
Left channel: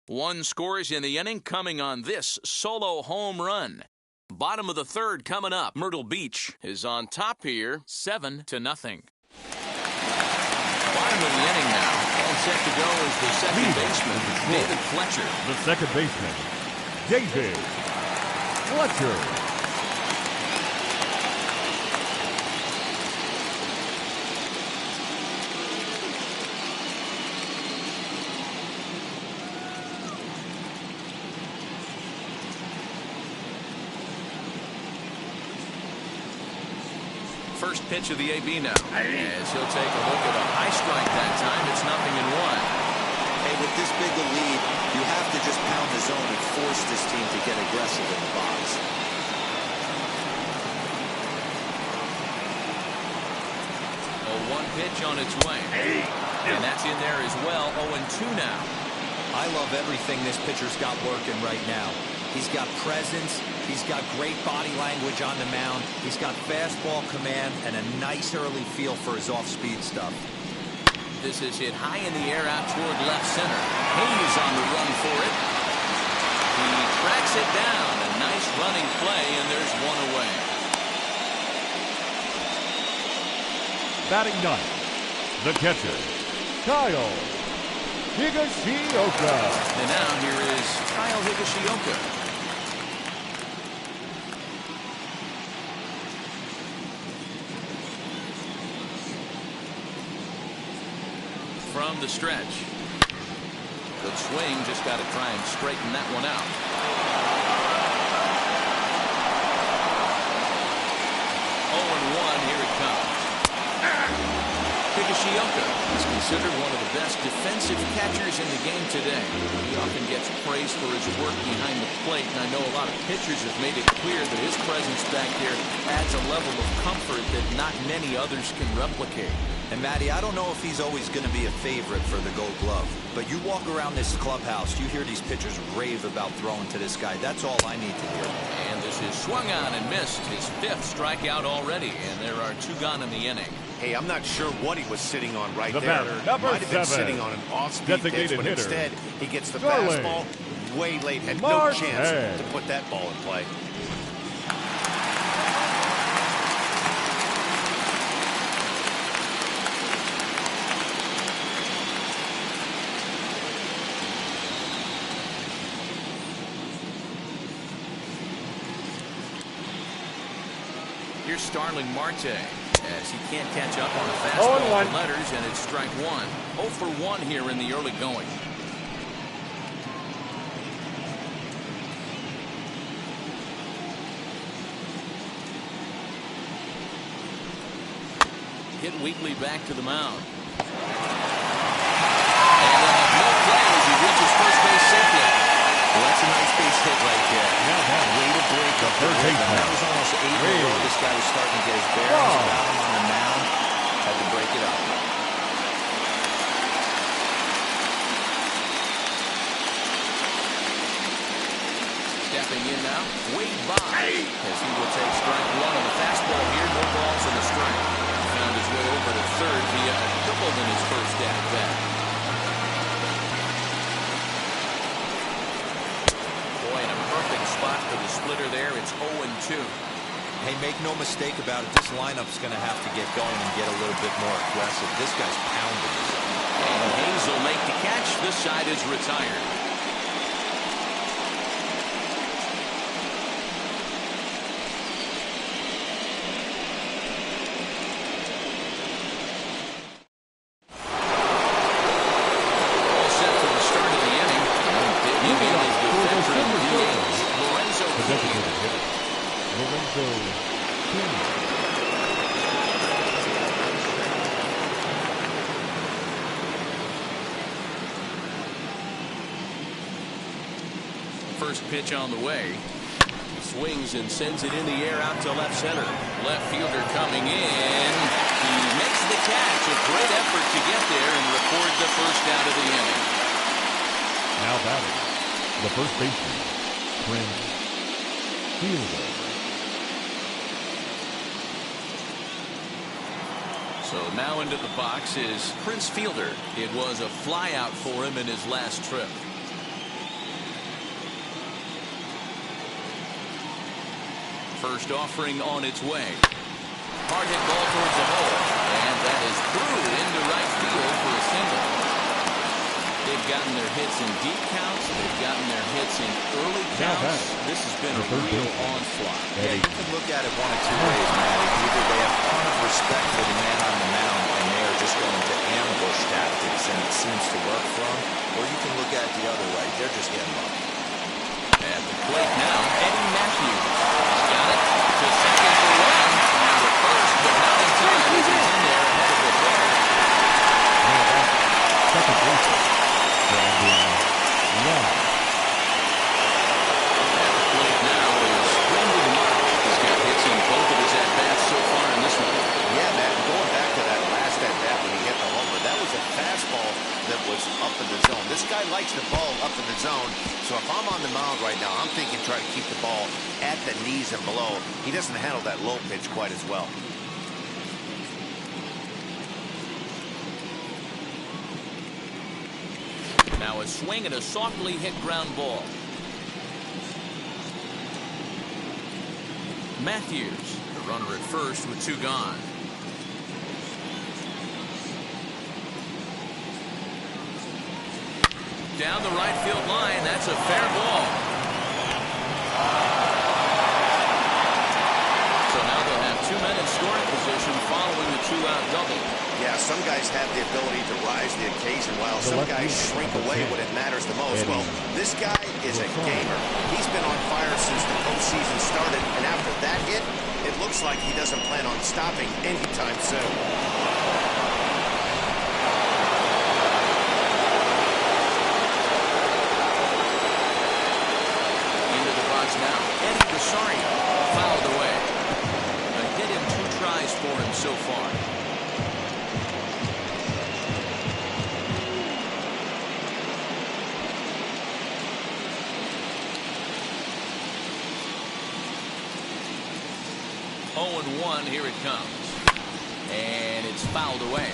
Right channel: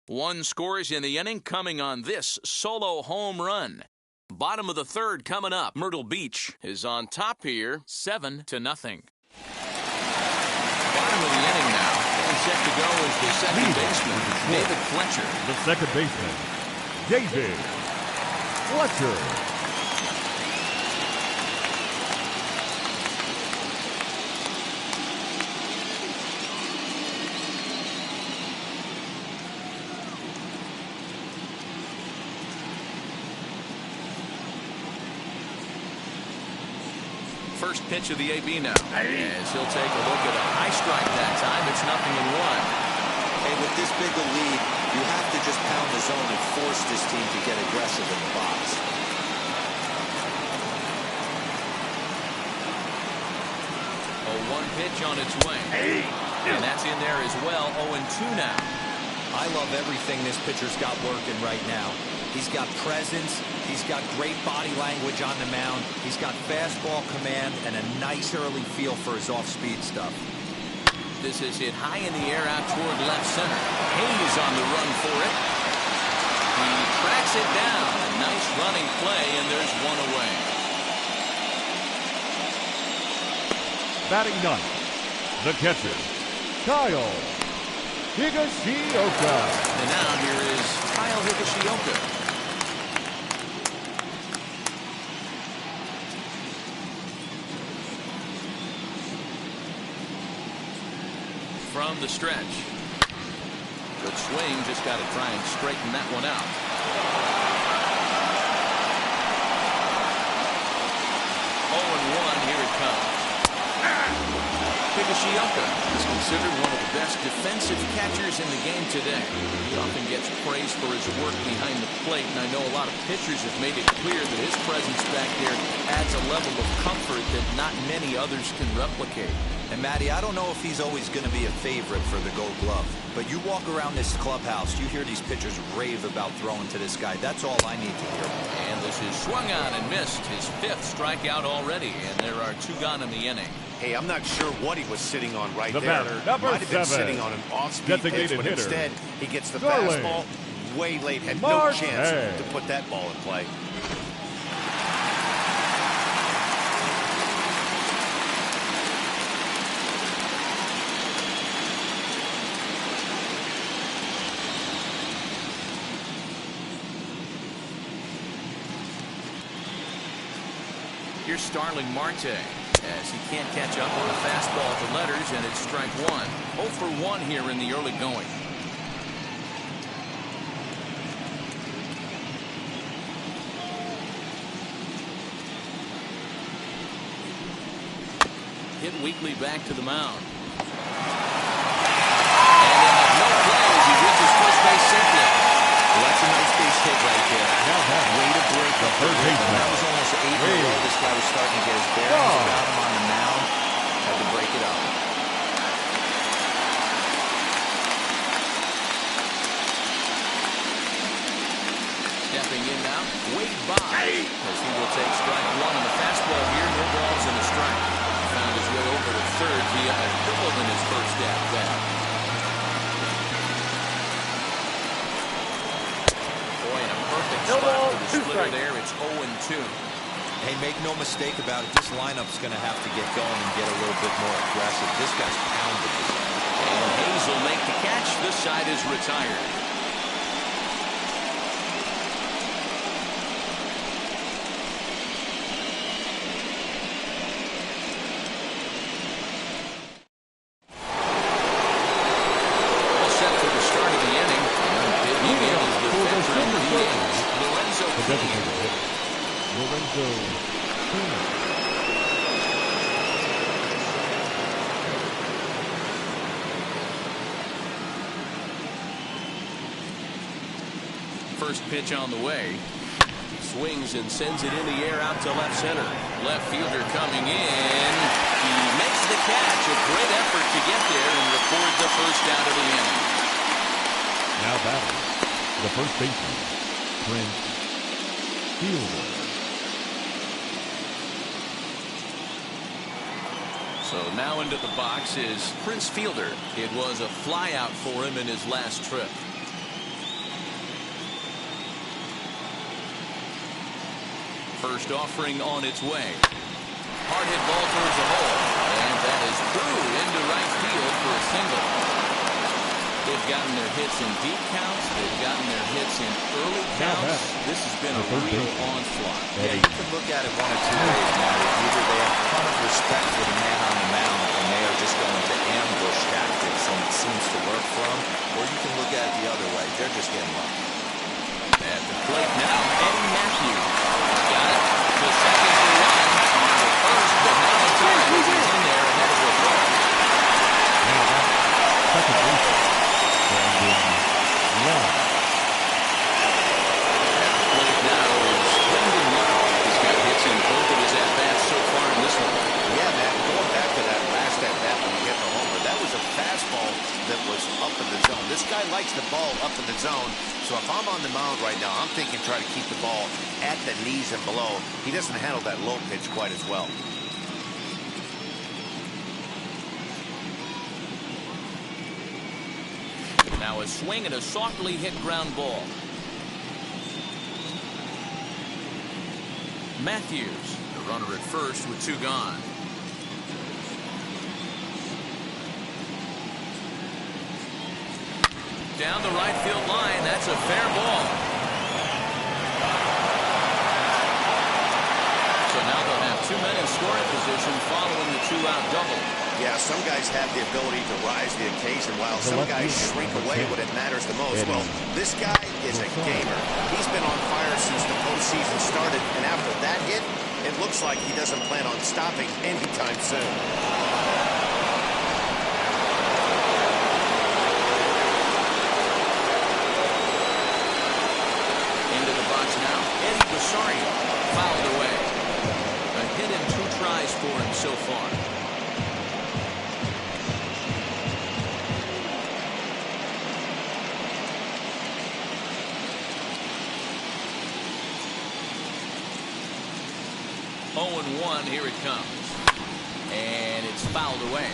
One scores in the inning coming on this solo home run. Bottom of the third coming up. Myrtle Beach is on top here, 7-0. Bottom of the inning now. And set to go is the second baseman, David Fletcher. The second baseman, David Fletcher. First pitch of the AB now. As he'll take a look at a high strike that time. It's 0-1. Hey, with this big a lead, you have to just pound the zone and force this team to get aggressive in the box. One pitch on its way. And that's in there as well. 0-2 now. I love everything this pitcher's got working right now. He's got presence. He's got great body language on the mound. He's got fastball command and a nice early feel for his off-speed stuff. This is hit high in the air out toward left center. Hayes on the run for it. He tracks it down. A nice running play, and there's one away. Batting ninth, the catcher, Kyle Higashioka. And now here is Kyle Higashioka. From the stretch. Good swing, just got to try and straighten that one out. 0-1, here it comes. Higashioka is considered one of the best defensive catchers in the game today. He often gets praise for his work behind the plate, and I know a lot of pitchers have made it clear that his presence back there adds a level of comfort that not many others can replicate. And Matty, I don't know if he's always going to be a favorite for the Gold Glove, but you walk around this clubhouse, you hear these pitchers rave about throwing to this guy. That's all I need to hear. And this is swung on and missed, his fifth strikeout already, and there are two gone in the inning. Hey, I'm not sure what he was sitting on right The there. batter, number Might have been 7, sitting on an off-speed pitch, designated but hitter, instead he gets the Starling fastball way late. Had Marte. no chance to put that ball in play. Here's Starling Marte as he can't catch up on a fastball to letters, and it's strike one. 0 for 1 here in the early going. Hit weakly back to the mound. And they'll have no play as he reaches first base safely. Well, that's a nice base hit right there. Now that way to break up the rhythm. That was almost 8 in a row. This guy was starting to get his bearings about him on the mound. Had to break it up. Stepping in now, Wade Boggs, as he will take strike one on the fastball here. No balls and a strike. He found his way over to third via a triple in his first at-bat. Boy, in a perfect spot for the splitter there. It's 0-2. Hey, make no mistake about it. This lineup's going to have to get going and get a little bit more aggressive. This guy's pounding the zone. And Hayes will make the catch. This side is retired. All set for the start of the inning. Digging in is the veteran DH, Lorenzo The King. designated hitter, Lorenzo King. First pitch on the way. He swings and sends it in the air out to left center. Left fielder coming in. He makes the catch. A great effort to get there and record the first out of the inning. Now batting, the first baseman, Prince Fielder. So now into the box is Prince Fielder. It was a flyout for him in his last trip. First offering on its way. Hard hit ball towards the hole. And that is through into right field for a single. They've gotten their hits in deep counts. They've gotten their hits in early counts. This has been a real onslaught. Yeah, you can look at it one of two ways, Matty. Either they have a ton of respect for the man on the mound and they are just going to ambush tactics and it seems to work for them, or you can look at it the other way. They're just getting lucky. At the plate now, Eddie Matthews. He's got it to second for one. On to first, but not in time as he's in there ahead of the throw. Now batting, second baseman, Brandon Lott. At the plate now is Brendan Lott. He's got hits in both of his at-bats so far in this one. Yeah, man, going back to that last at-bat when he hit the homer, that was a fastball that was up in the zone. This guy likes the ball up in the zone, so if I'm on the mound right now, I'm thinking try to keep the ball at the knees and below. He doesn't handle that low pitch quite as well. Now a swing and a softly hit ground ball. Matthews, the runner at first with two gone. Down the right field line. That's a fair ball. So now they'll have two men in scoring position following the two-out double. Yeah, some guys have the ability to rise the occasion while some guys shrink away when it matters the most. Well, this guy is a gamer. He's been on fire since the postseason started, and after that hit, it looks like he doesn't plan on stopping anytime soon. Into the box now, Eddie Rosario fouled away. A hit in two tries for him so far. Oh and 1, here it comes. And it's fouled away.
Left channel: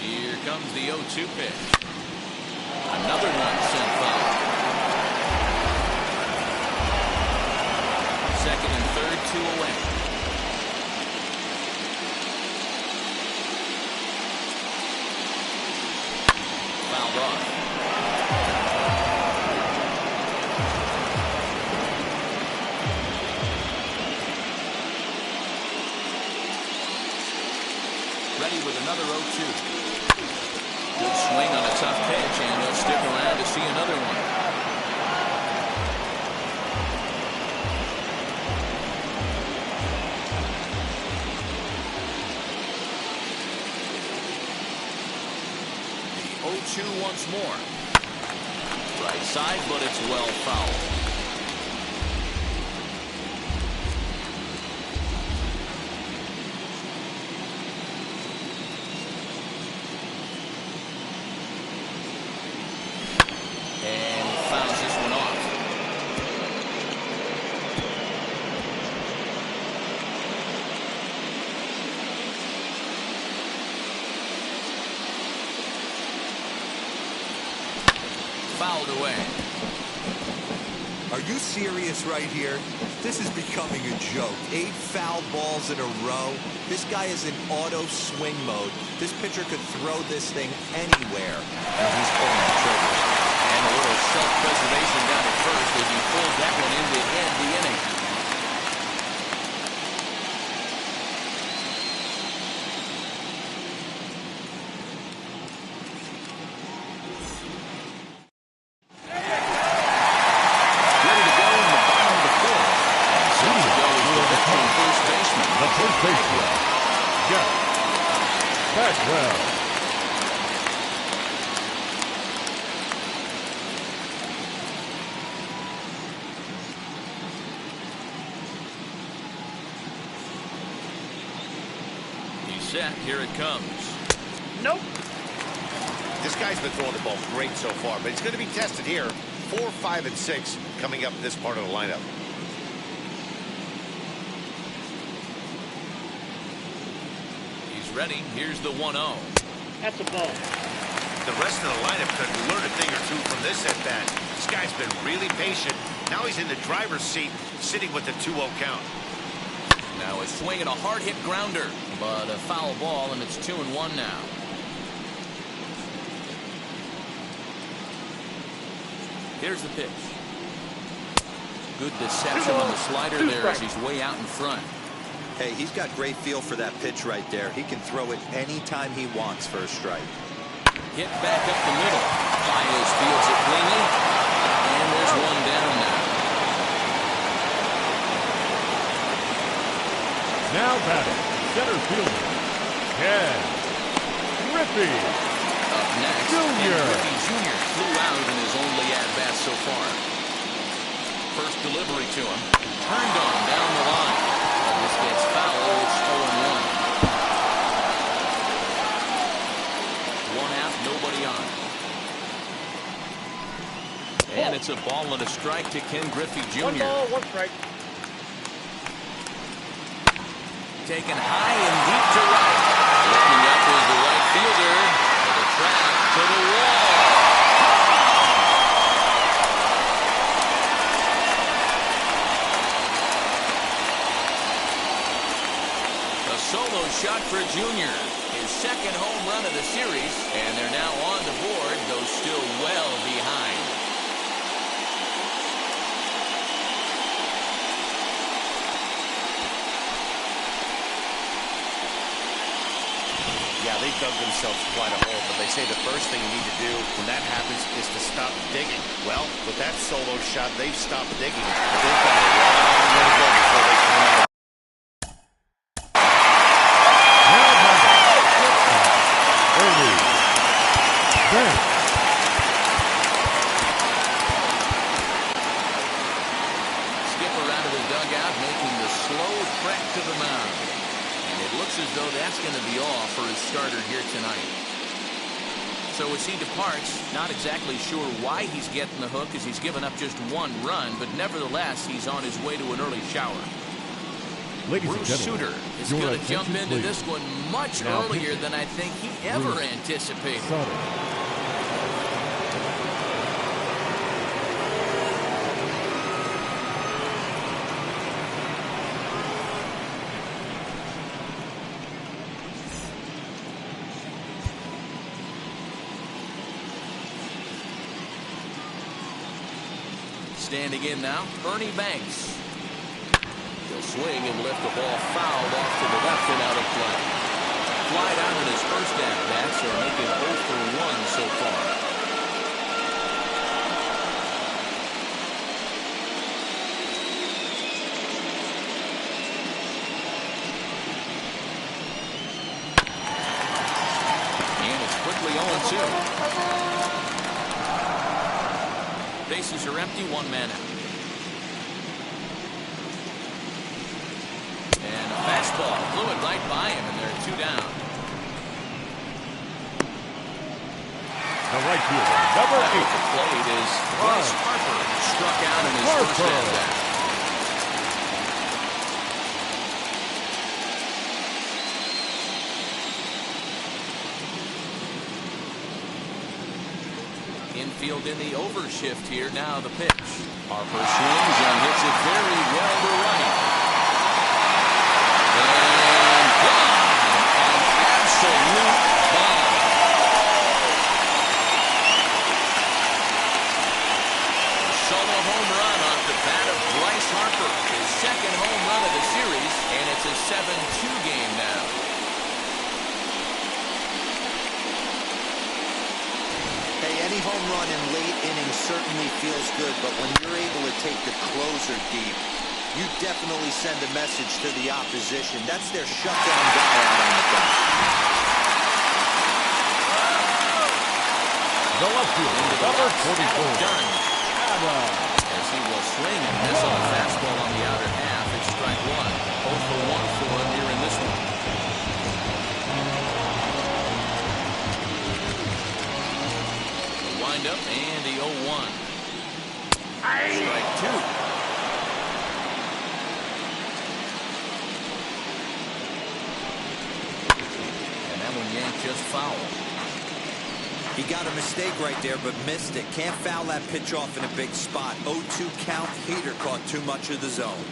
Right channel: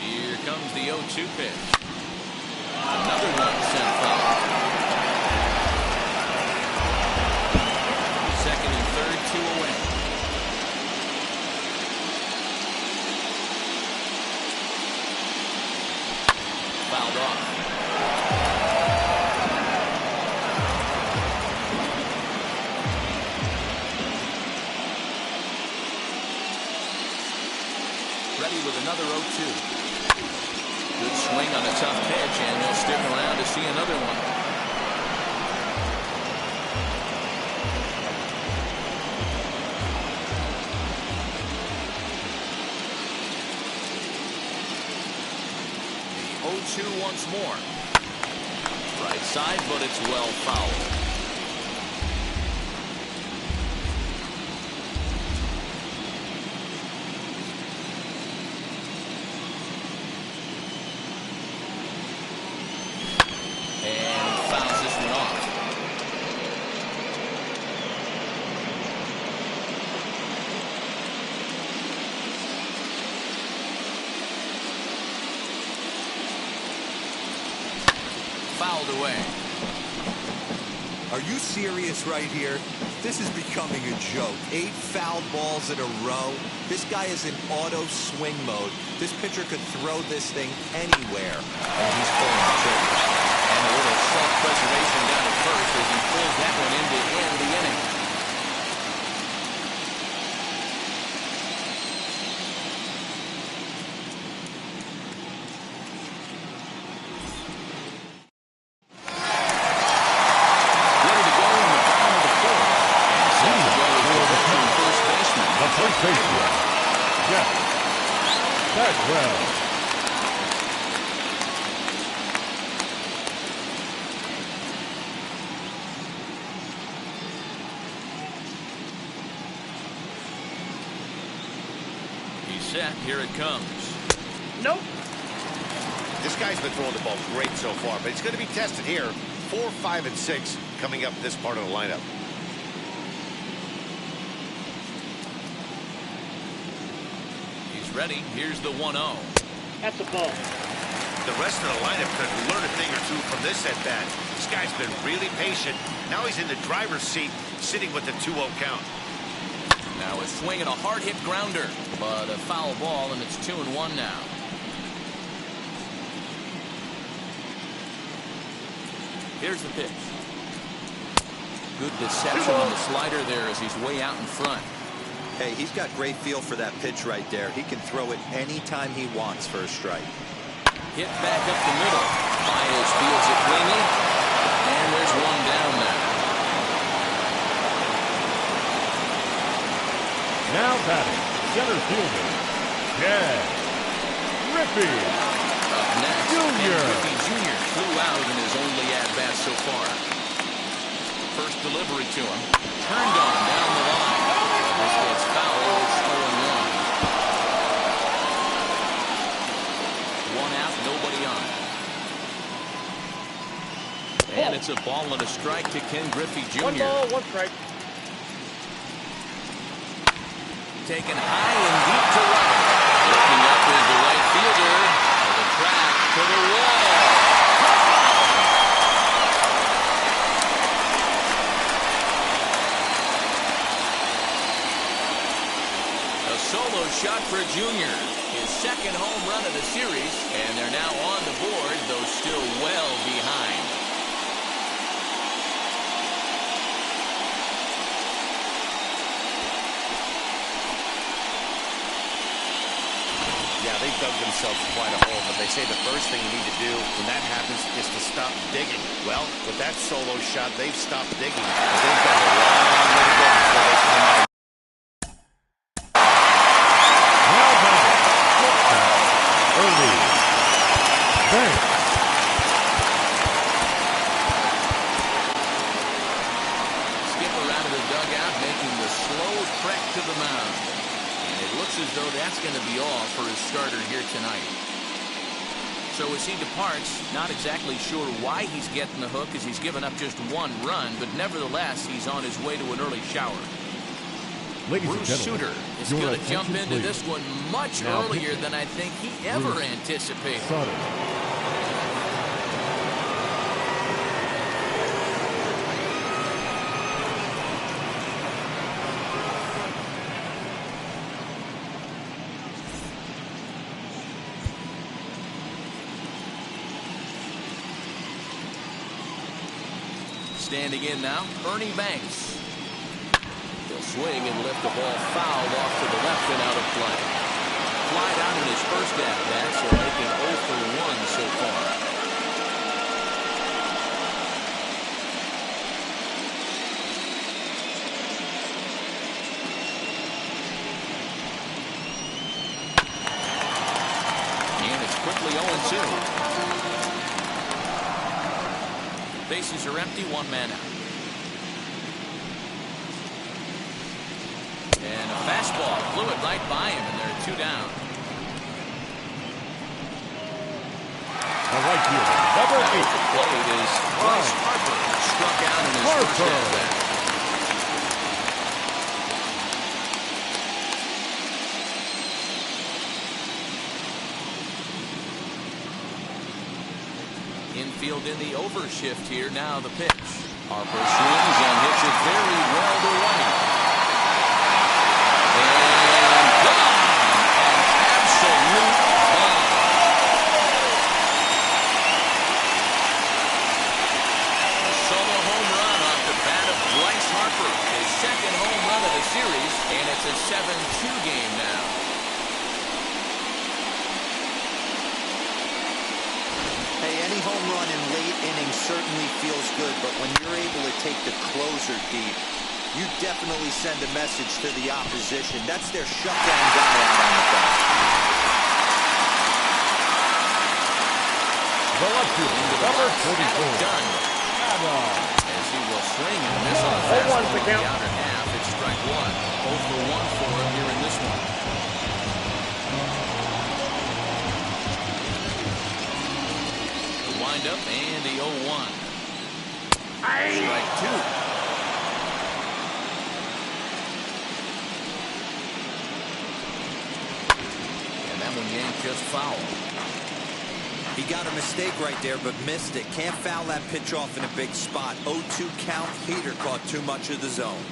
Here comes the 0-2 pitch. Another one sent foul. Second and third, two away. Fouled off. Ready with another 0-2. Good swing on a tough pitch, and they'll stick around to see another one. The 0-2 once more. Right side, but it's well fouled. And he fouls this one off. Fouled away. Are you serious right here? This is becoming a joke. 8 foul balls in a row. This guy is in auto swing mode. This pitcher could throw this thing anywhere, and he's pulling the trigger. And a little self-preservation down at first as he pulls that one in to end the inning. Ready to go in the bottom of the fourth. And set to go is the veteran first baseman. The first baseman, Jeff Bagwell. He's set. Here it comes. Nope. This guy's been throwing the ball great so far, but he's going to be tested here. 4, 5, and 6 coming up this part of the lineup. He's ready. Here's the 1-0. That's a ball. The rest of the lineup could learn a thing or two from this at bat. This guy's been really patient. Now he's in the driver's seat, sitting with the 2-0 count. Now a swing and a hard hit grounder, but a foul ball, and it's 2-1 now. Here's the pitch. Good deception on the slider there as he's way out in front. Hey, he's got great feel for that pitch right there. He can throw it anytime he wants for a strike. Hit back up the middle. Baez fields it cleanly, and there's one down now. Now batting, center fielder, Ken Griffey. Up next, Jr. Ken Griffey Jr. flew out in his only at-bat so far. First delivery to him. Turned on down the line. When this gets foul, it's 0-1. One out, nobody on. And it's a ball and a strike to Ken Griffey Jr. 1 ball, 1 strike. Taken high and deep to right. Looking up is the right fielder. To the track, to the wall. A solo shot for Junior. His second home run of the series. And they're now on the board, though still well behind. Yeah, they've dug themselves quite a hole, but they say the first thing you need to do when that happens is to stop digging. Well, with that solo shot, they've stopped digging, but they've got a long way to go before they come out. Now batting, early. Banks. Skipper out of the dugout, making the slow trek to the mound. And it looks as though that's going to be all for his starter here tonight. So as he departs, not exactly sure why he's getting the hook as he's given up just 1 run, but nevertheless, he's on his way to an early shower. Ladies and Bruce gentlemen, Sutter is your going to jump attention, into please. this one much Now earlier pitching. than I think he ever Bruce anticipated. Sutter. Standing in now, Ernie Banks. He'll swing and lift the ball fouled off to the left and out of play. Flied out in his first at-bat, so making 0 for 1 so far. And it's quickly 0-2. Bases are empty, 1 man out. And a fastball flew it right by him, and there are 2 down. The right fielder, number Now 8. at the plate is Bryce Harper, struck out in his first at-bat. Infield in the overshift here. Now the pitch. Harper swings and hits it very well to right. And gone! An absolute bomb. A solo home run off the bat of Bryce Harper. His second home run of the series, and it's a 7-2 game now. Hey, any home run in late innings certainly feels good, but when you're able to take the closer deep, you definitely send a message to the opposition. That's their shutdown guy out on the bench. The left fielder, number 44. Done. As he will swing and miss on a fastball on the outer half. It's strike one. 0 for 1 for him here in this one. The windup and the 0-1. Strike two. And that one yanked just foul. He got a mistake right there, but missed it. Can't foul that pitch off in a big spot. 0-2 count. Heater caught too much of the zone.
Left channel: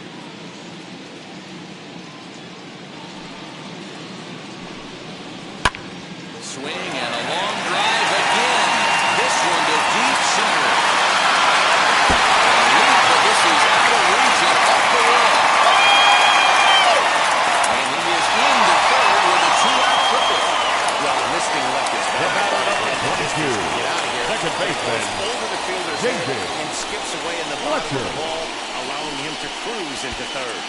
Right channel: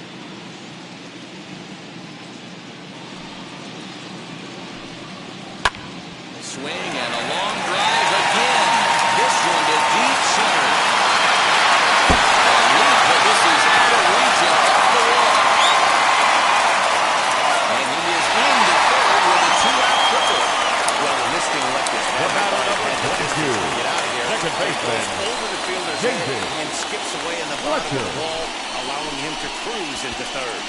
Swing and a long drive again. This one to deep center. A leap, but this is out of reach and up the wall. And he is into third with a 2-out triple. Well, when this thing left his The batter, number head, 22. get out of here. Second baseman, Over the fielder's David head and skips away in the bottom of Fletcher. the ball, allowing him to cruise into third.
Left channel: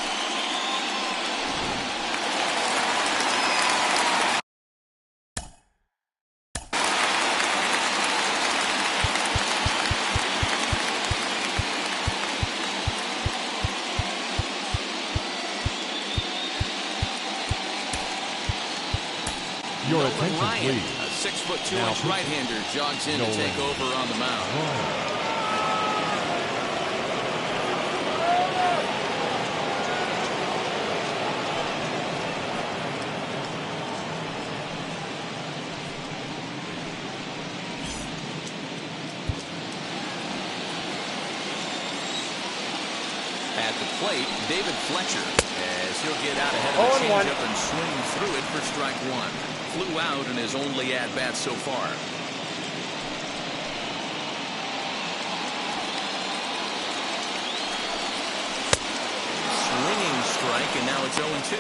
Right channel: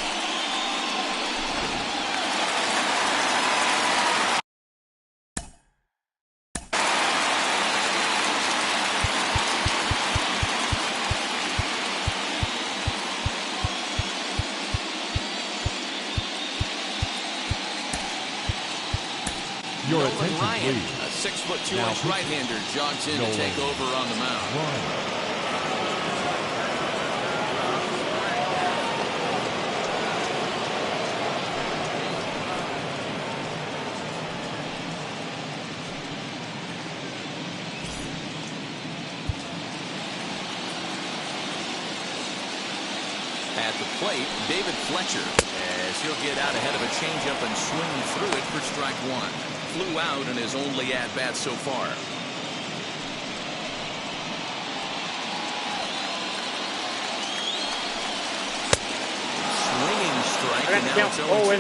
Your Nolan attention, Ryan, please. a 6'2" Now, right-hander, jogs in Nolan to take over on the mound. Ryan. At the plate, David Fletcher, as he'll get out ahead of a changeup and swing through it for strike one. Flew out in his only at-bat so far. Swinging strike, and now it's 0-2.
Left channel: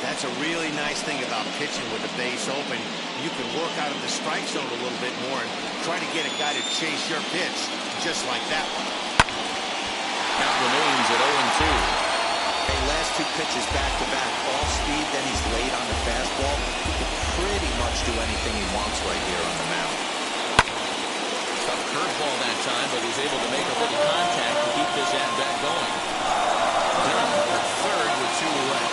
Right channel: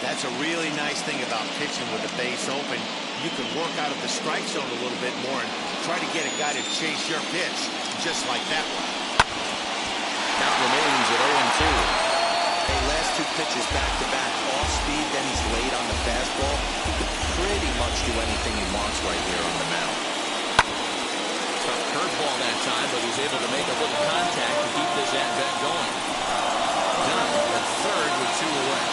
That's a really nice thing about pitching with the base open. You can work out of the strike zone a little bit more and try to get a guy to chase your pitch, just like that one. Count remains at 0-2. Hey, last two pitches back-to-back. Off speed, then he's late on the fastball. He can pretty much do anything he wants right here on the mound. Tough curveball that time, but he's able to make a little contact to keep this at-bat going. Done at third with 2 away.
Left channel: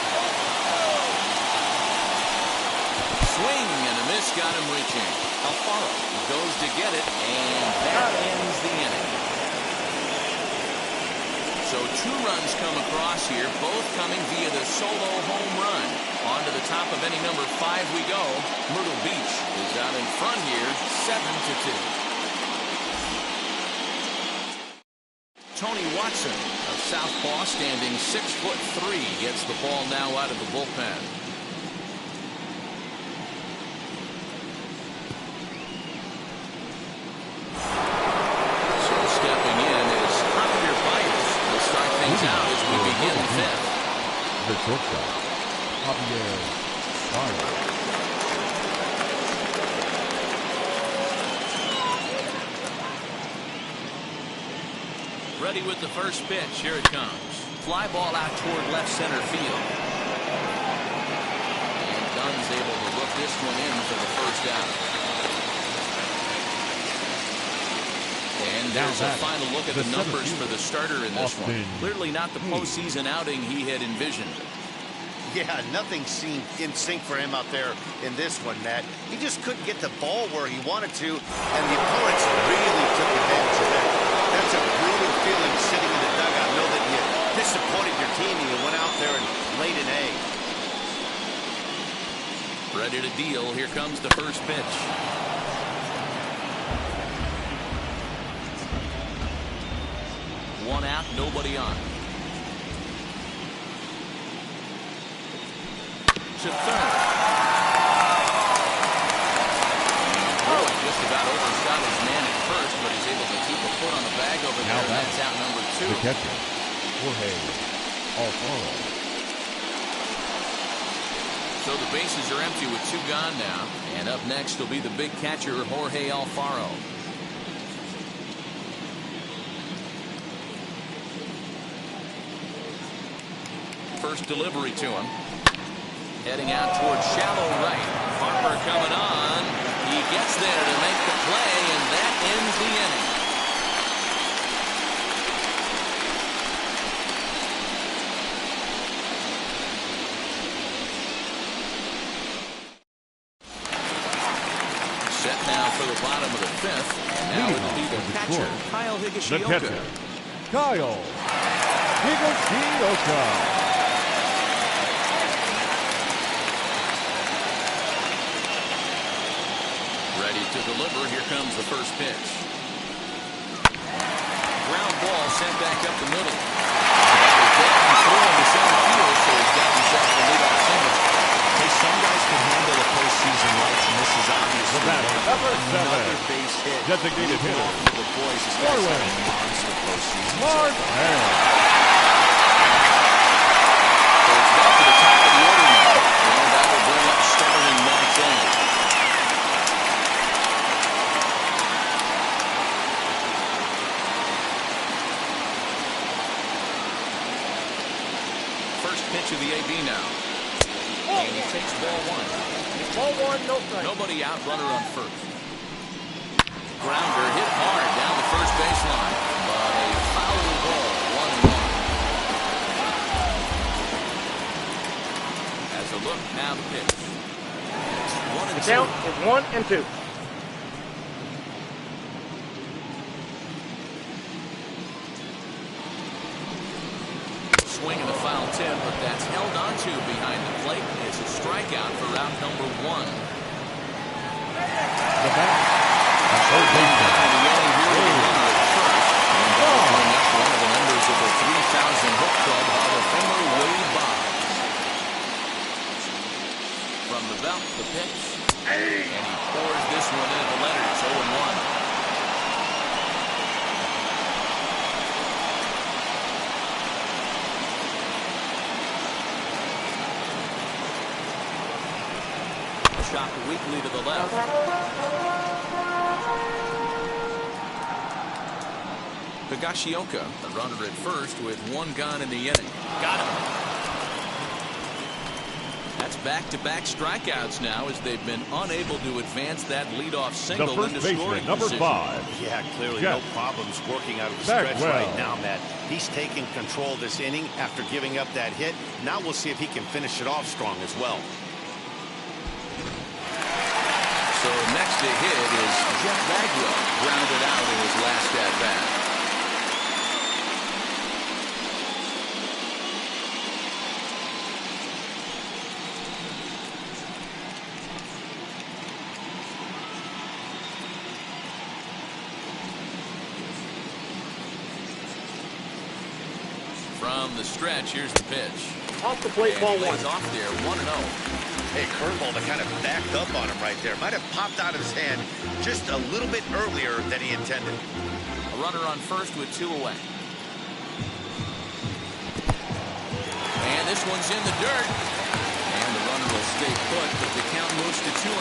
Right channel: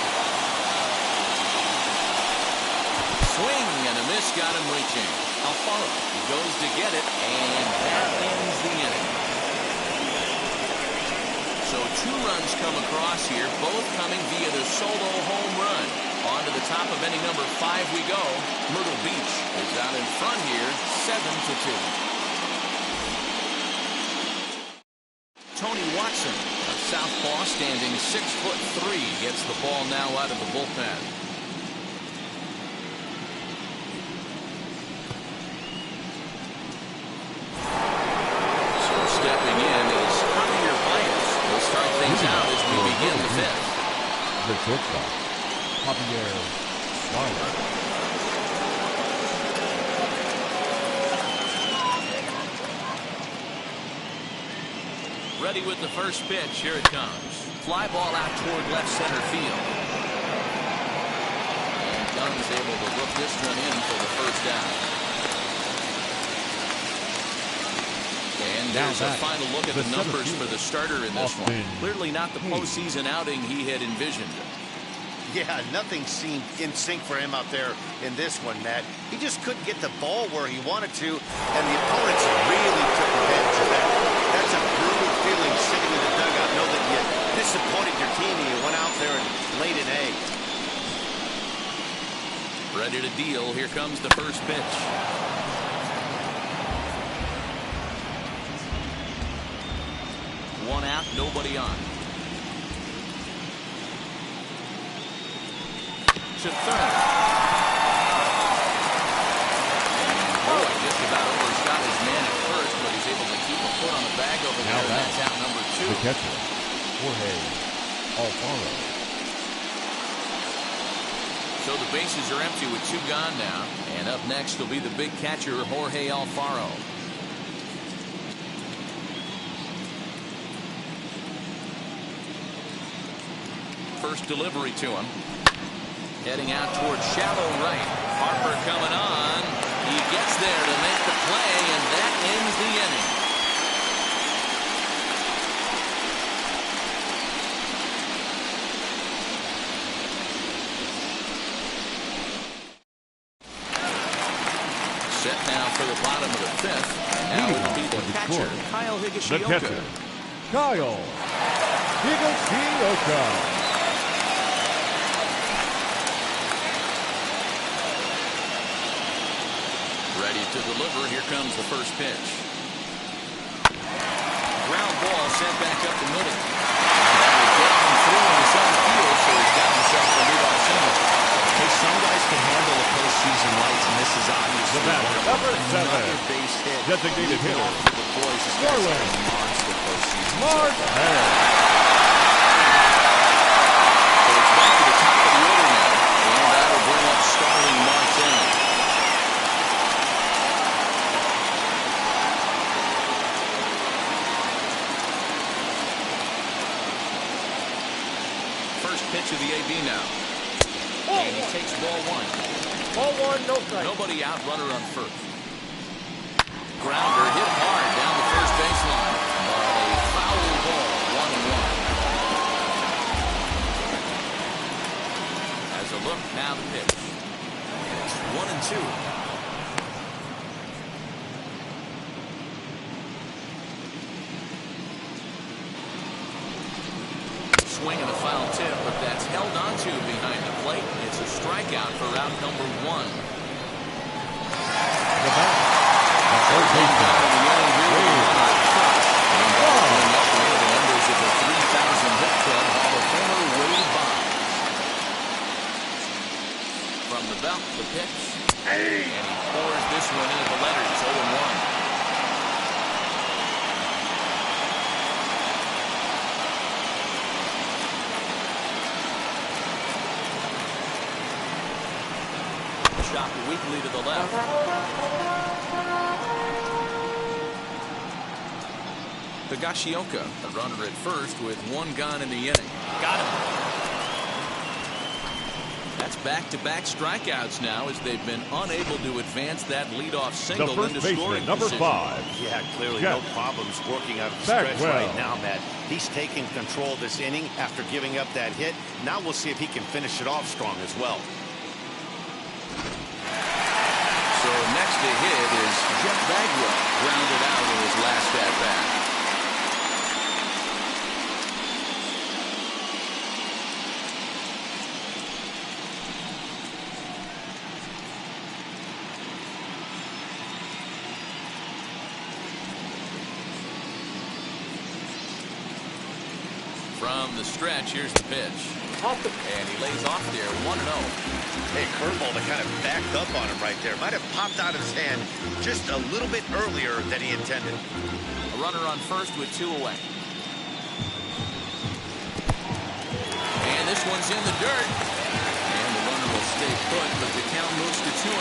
Swing and a miss got him reaching. Alfaro goes to get it, and that ends the inning. So 2 runs come across here, both coming via the solo home run. On to the top of inning number 5 we go. Myrtle Beach is out in front here, 7-2. Tony Watson, a southpaw standing 6'3", gets the ball now out of the bullpen. So stepping in is Javier Byers. We'll start things out as we begin the 5th. The shortstop, Javier Byers. Ready with the first pitch. Here it comes. Fly ball out toward left center field. And Dunn's able to look this one in for the first out. And there's a final look at the numbers for the starter in this one. Clearly not the postseason outing he had envisioned. Yeah, nothing seemed in sync for him out there in this one, Matt. He just couldn't get the ball where he wanted to, and the opponents really took advantage of that. That's a brutal feeling sitting in the dugout. Know that you disappointed your team and you went out there and laid an egg. Ready to deal. Here comes the first pitch. One out, nobody on. To third. And boy, just about overshot his man at first, but he's able to keep a foot on the bag over there, and that's out number 2. The catcher, Jorge Alfaro. So the bases are empty with 2 gone now. And up next will be the big catcher, Jorge Alfaro. First delivery to him. Heading out towards shallow right. Harper coming on. He gets there to make the play, and that ends the inning. Set now for the bottom of the 5th. And now it'll be the catcher, Kyle Higashioka. The catcher, Kyle Higashioka. Ready to deliver. Here comes the first pitch. Ground ball sent back up the middle. That will get him through into center field, so he's got himself a leadoff single. Hey, some guys can handle the postseason lights, and this is obviously one of them. Another base hit. Designated hitter. Off for the boys. This guy's got a monster postseason. So it's back to the top of the order now, and that will bring up Starling Marte. First pitch of the AB now. And he takes ball 1. Ball 1, no strike. Nobody out, runner on first. Grounder hit hard down the first baseline, but a foul ball, 1-1. As a look, now the pitch. And it's 1-2. Down, it's 1 and 2. Swing and a foul tip, but that's held onto behind the plate. It's a strikeout for out number 1. The bat. So one down in the inning here with a runner at first. And that'll bring up one of the members of the 3,000 Hit Club, Hall of Famer Wade Boggs. From the belt, the pitch. And he pours this one into the letters, 0-1. Shot weakly to the left. Higashioka, a runner at first with 1 gone in the inning. Got him. That's back-to-back strikeouts now as they've been unable to advance that leadoff single into scoring number position. 5. Yeah, clearly Yeah. no problems working out of the stretch Bagwell. right now, Matt. He's taking control of this inning after giving up that hit. Now we'll see if he can finish it off strong as well. So next to hit is Jeff Bagwell, grounded out in his last at-bat. From the stretch, here's the pitch. Off the plate, And ball he lays 1. off there, 1-0. Hey, curveball that kind of backed up on him right there. Might have popped out of his hand just a little bit earlier than he intended. A runner on first with 2 away. And this one's in the dirt. And the runner will stay put, but the count moves to 2-0.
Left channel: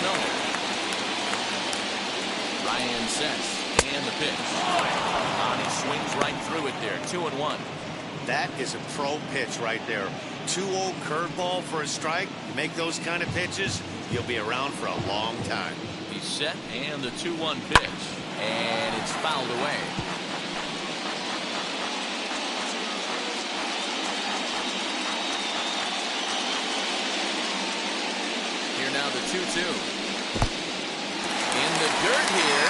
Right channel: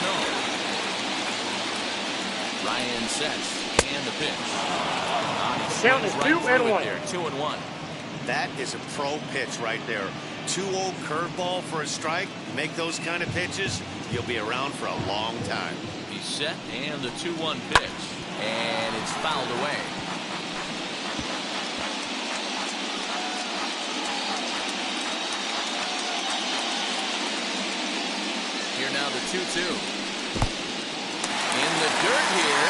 Ryan sets, and the pitch. And he swings right through it there, 2-1. That is a pro pitch right there. 2-0 curveball for a strike. You make those kind of pitches, you'll be around for a long time. He's set, and the 2-1 pitch. And it's fouled away. Here now the 2-2. In the dirt here.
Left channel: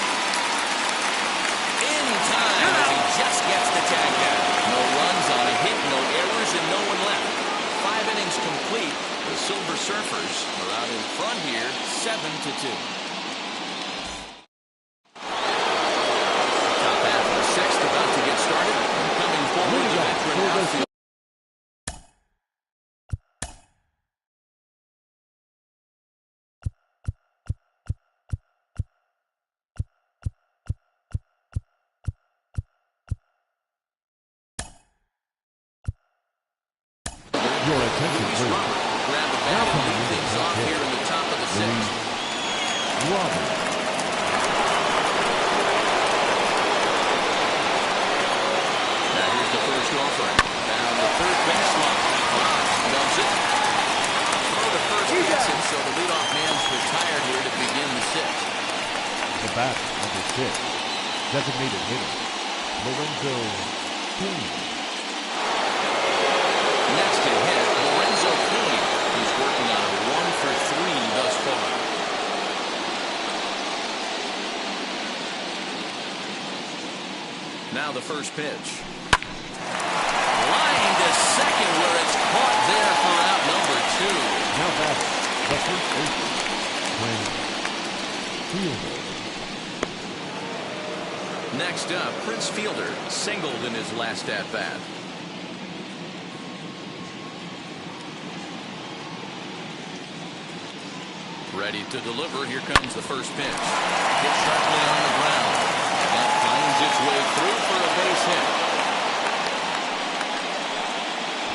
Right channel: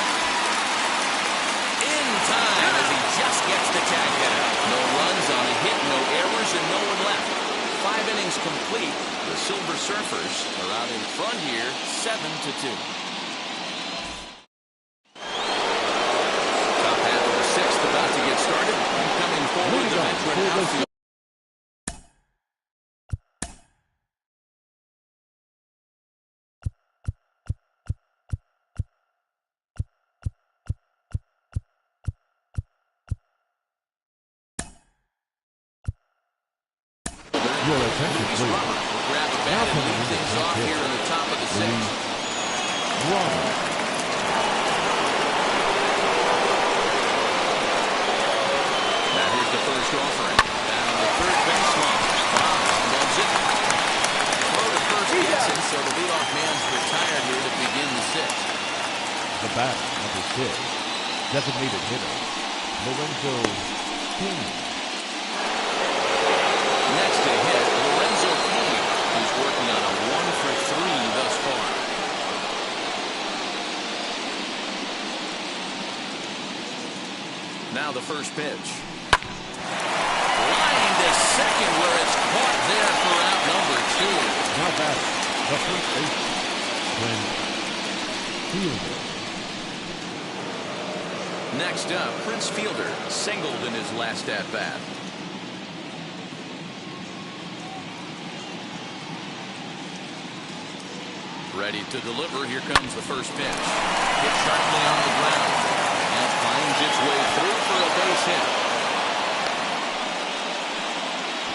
In time as he just gets the tag down. No runs on a hit, no errors, and no one left. 5 innings complete. The Silver Surfers are out in front here, 7-2. Top half of the 6th about to get get started. Coming forward, the veteran outfield. Your attention, Luis please. Robert will grab the bat and lead things off here in the top of the sixth. Robert. Now here's the first offering. Down the third baseline. Fox loves it. Throw to first gets it, so the leadoff man's retired here to begin the sixth. The bat, number 6. Designated hitter, Lorenzo King. Next to hit, Lorenzo King. He's working on a 1-for-3 thus far. Now the first pitch. Line to second where it's caught there for out number 2. Now batting, the first baseman, Fielder. Next up, Prince Fielder singled in his last at-bat. Ready to deliver. Here comes the first pitch. Hit sharply on the ground. And that finds its way through for a base hit.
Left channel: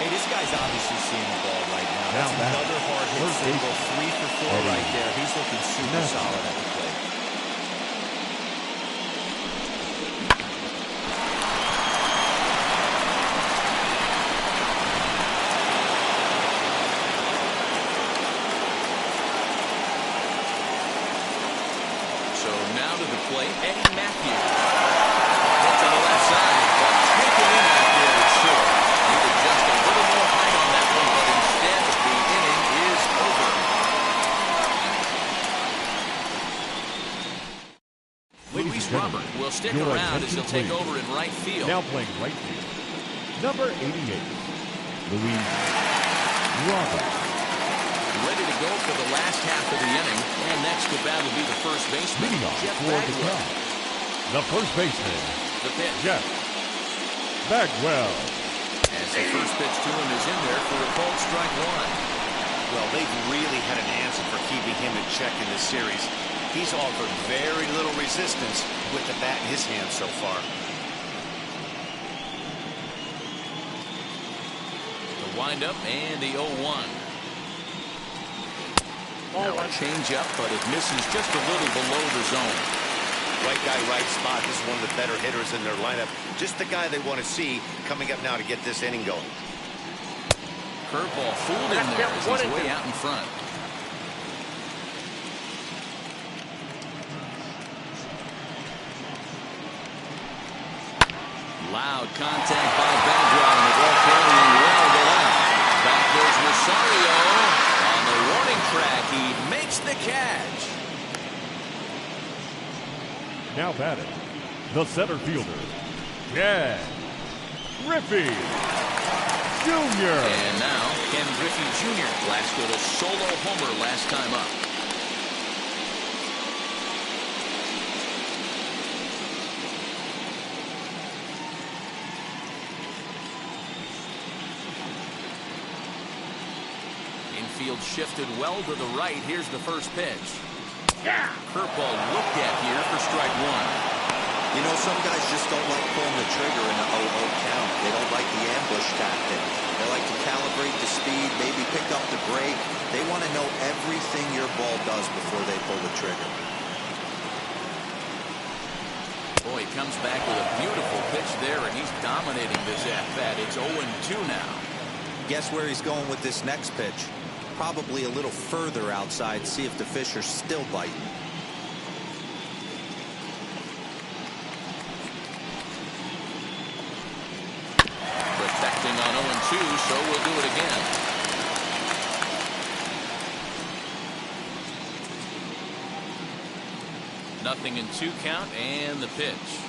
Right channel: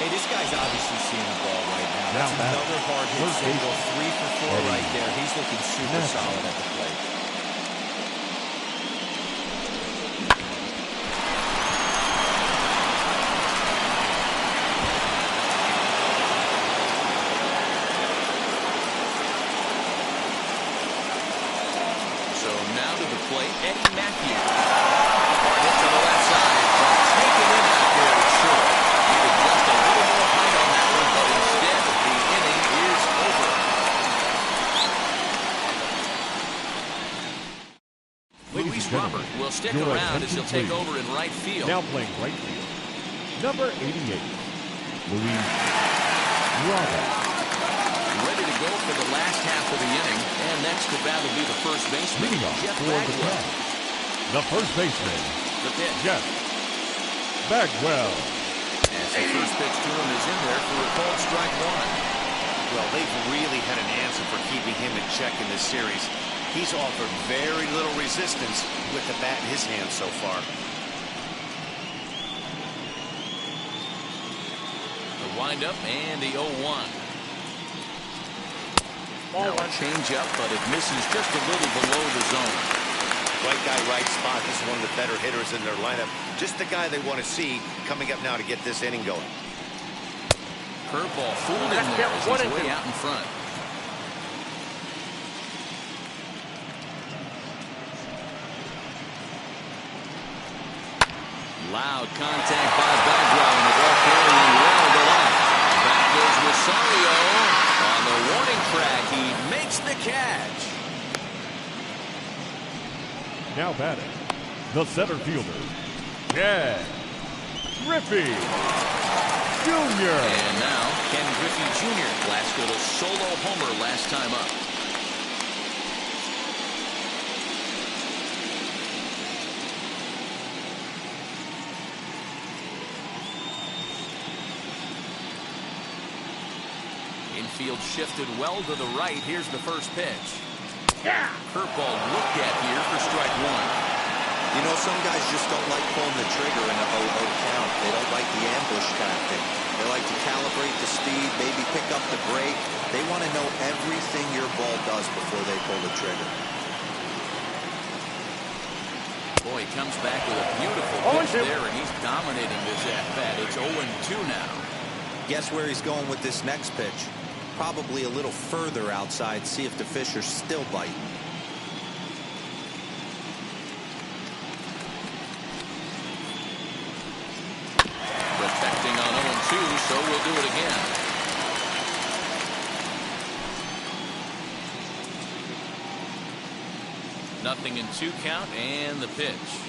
Hey, this guy's obviously seeing the ball right now. That's another hard hit single. 3 for 4 right there. He's looking super solid at the plate. So now to the plate, Eddie Matthews. Hard hit to the left side, but taken in out there is short. Needed just a little more height on that one, but instead the inning is over. Luis Robert will stick around as he'll take over in right field. Now playing right field, number 88, Luis Robert. Ready to go for the last half of the inning. And next to bat will be the first baseman, Leading off Jeff for the Bagwell. Cubs, the first baseman, The pitch. Jeff Bagwell. As the first pitch to him is in there for a called strike 1. Well, they've really had an answer for keeping him in check in this series. He's offered very little resistance with the bat in his hand so far. The windup and the 0-1. Now a change up, but it misses just a little below the zone. Right guy, right spot. This is one of the better hitters in their lineup. Just the guy they want to see coming up now to get this inning going. Curveball fooled him there as he's way out in front. Loud contact by Bagwell, and the ball carrying well to left. Back goes Rosario. On the warning track, he makes the catch. Now batting, the center fielder, Ken Griffey Jr. And now Ken Griffey Jr. blasted a solo homer last time up. Infield shifted well to the right. Here's the first pitch. Curveball looked at here for strike 1. You know, some guys just don't like pulling the trigger in a 0-0 count. They don't like the ambush tactic. They like to calibrate the speed, maybe pick up the brake. They want to know everything your ball does before they pull the trigger. Boy, he comes back with a beautiful pitch there, and he's dominating this at-bat. It's 0-2 now. Guess where he's going with this next pitch? Probably a little further outside, see if the fish are still biting. Protecting on 0-2, so we'll do it again. Nothing in 2 count, and the pitch.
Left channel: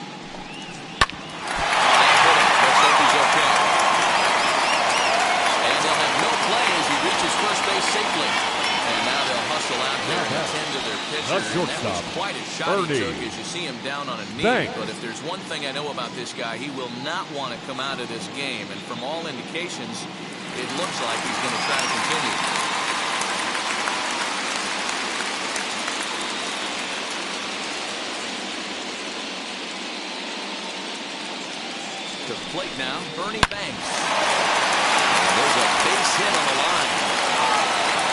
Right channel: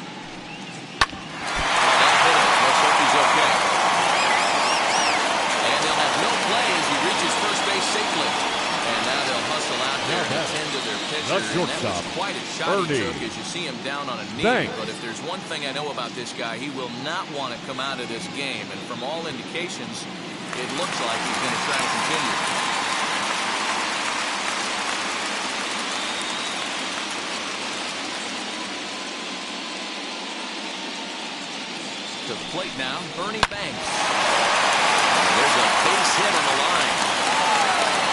Oh, that hit him. Let's hope he's okay. And they'll have no play as he reaches first base safely. And now they'll hustle out there and attend to their pitcher. And that was quite a shot he took as you see him down on a knee. But if there's one thing I know about this guy, he will not want to come out of this game. And from all indications, it looks like he's going to try to continue. To the plate now, Ernie Banks. And there's a base hit on the line.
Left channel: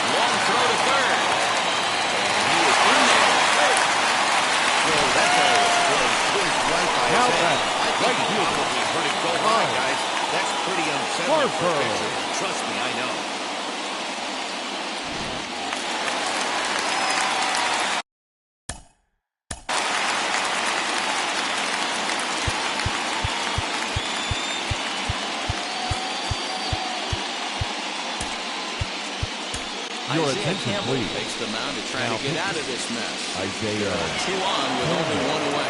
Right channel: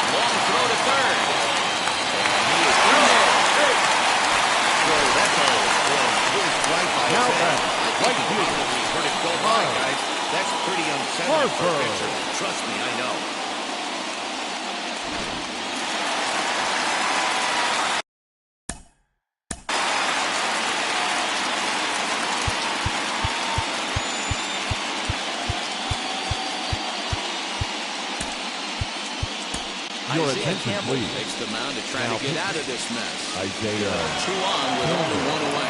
Long throw to third. And he is in there. Well, that ball was blown whizzed right by his head. I think he probably heard it go by, guys. That's pretty unsettling for a pitcher. Trust me, I know. Your Isaiah attention, Campbell please. takes the mound to try Now to get out of this mess. Isaiah 2 on with only 1 away.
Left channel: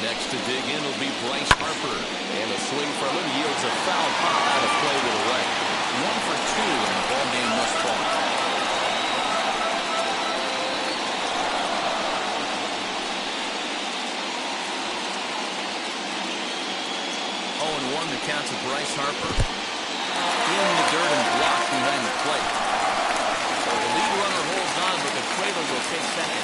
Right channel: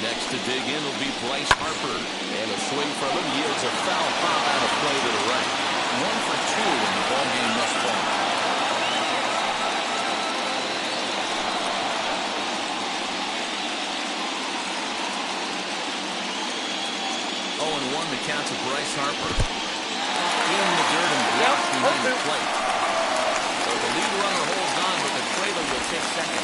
Next to dig in will be Bryce Harper. And a swing from him yields a foul pop out of play to the right. 1 for 2 in the ball game thus far. 0-1 the count to Bryce Harper. In the dirt and blocked behind the plate. So the lead runner holds on, but the trailer will take second.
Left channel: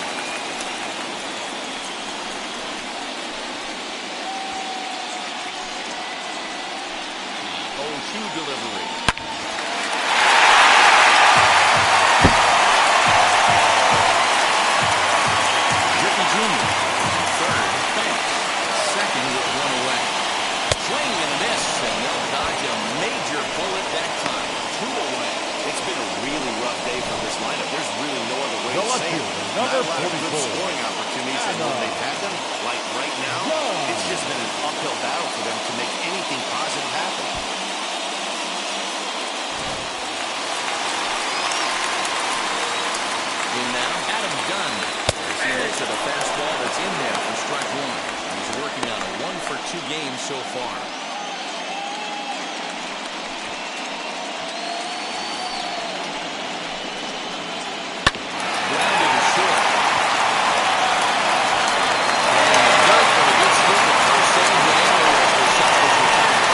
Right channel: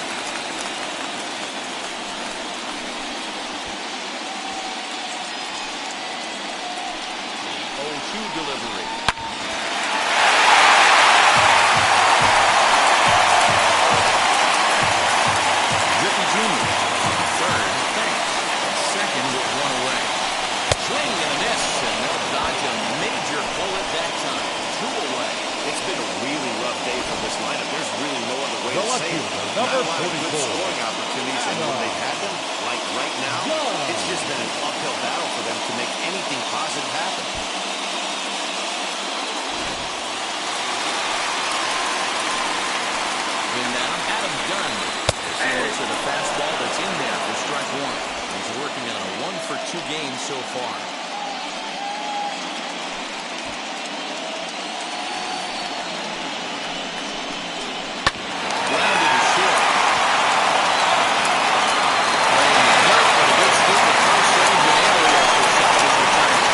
0-2 delivery. Griffey Jr. Third, thanks. Second with 1 away. Swing and a miss, and they'll dodge a major bullet that time. 2 away. It's been a really rough day for this lineup. There's really no other way to say it. Not a lot of good scoring opportunities, and when they've had them, like right now, it's just been an uphill battle for them to make anything positive happen. In now, Adam Dunn. As he looks at a fastball that's in there for strike 1. He's working on a 1 for 2 game so far. Grounded to short. And the dirt for a good scoop at first save to Arias. The shot is returned.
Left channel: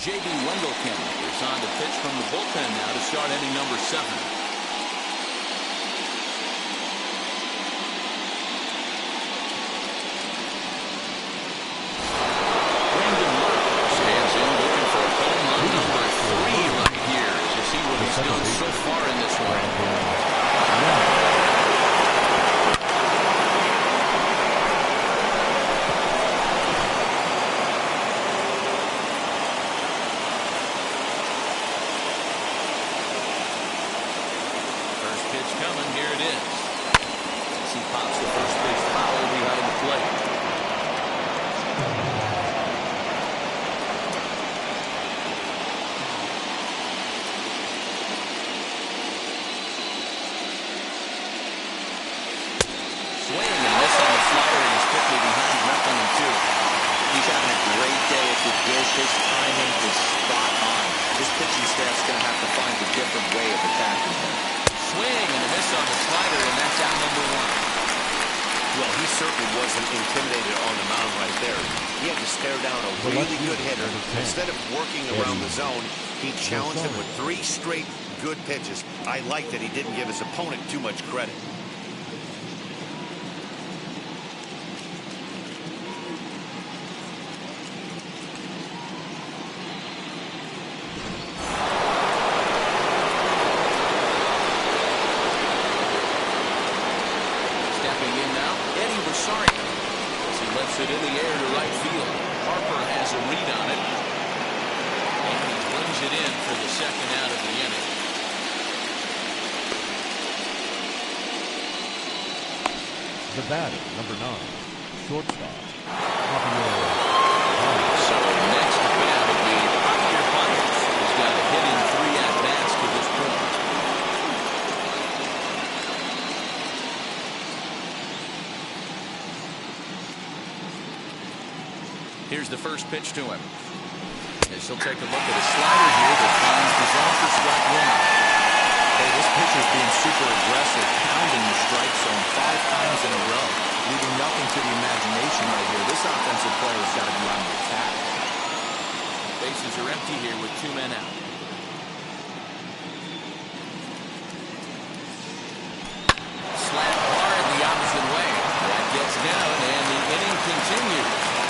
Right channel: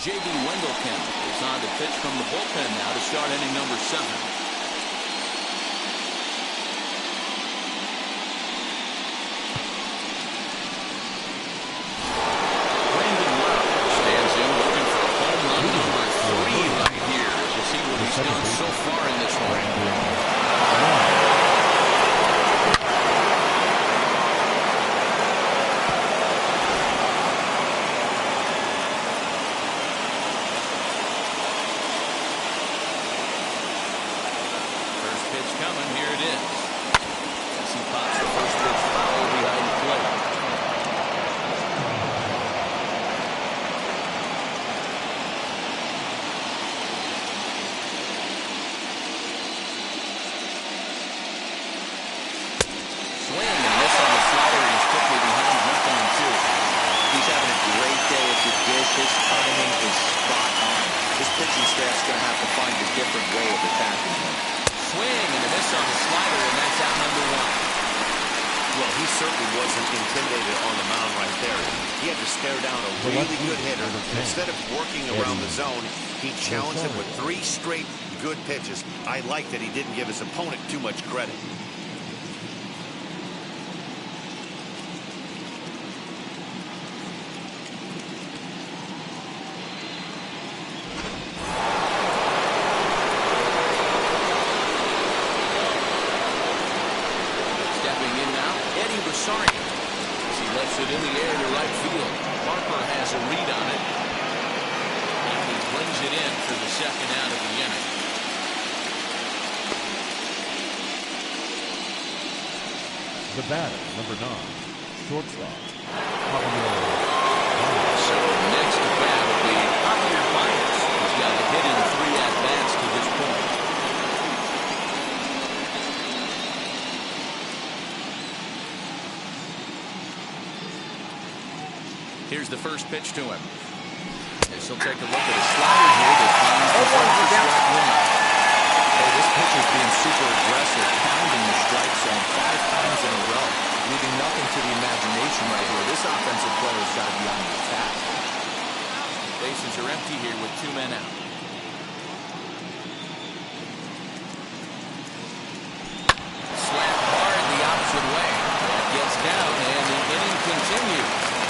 J.B. Wendelkamp is on to pitch from the bullpen now to start inning number 7. Brandon Lau stands in looking for home run number 3 right here as you see what he's done so far in this one. Pitch coming, here it is. As he pops the first pitch foul behind the plate. Swing and miss on the slider, and he's quickly behind 0-2. He's having a great day at the dish. His timing is spot on. His pitching staff's going to have to find a different way of attacking him. Swing and a miss on the slider, and that's out number 1. Well, he certainly wasn't intimidated on the mound right there. He had to stare down a really good hitter. Instead of working around the zone, he challenged him with 3 straight good pitches. I like that he didn't give his opponent too much credit. Stepping in now, Eddie Rosario. As he lifts it in the air to right field. Harper has a read on it. And he brings it in for the second out of the inning. The batter, number 9, shortstop, Javier. So next to bat would be Javier Baez, who's got a hit in 3 at-bats to this point. Here's the first pitch to him. As he'll take a look at a slider here that finds the zone for strike 1. Hey, this pitcher's being super aggressive, pounding the strike zone 5 times in a row, leaving nothing to the imagination right here. This offensive player's got to be on the attack. Bases are empty here with 2 men out. Slap hard the opposite way. That gets down, and the inning continues.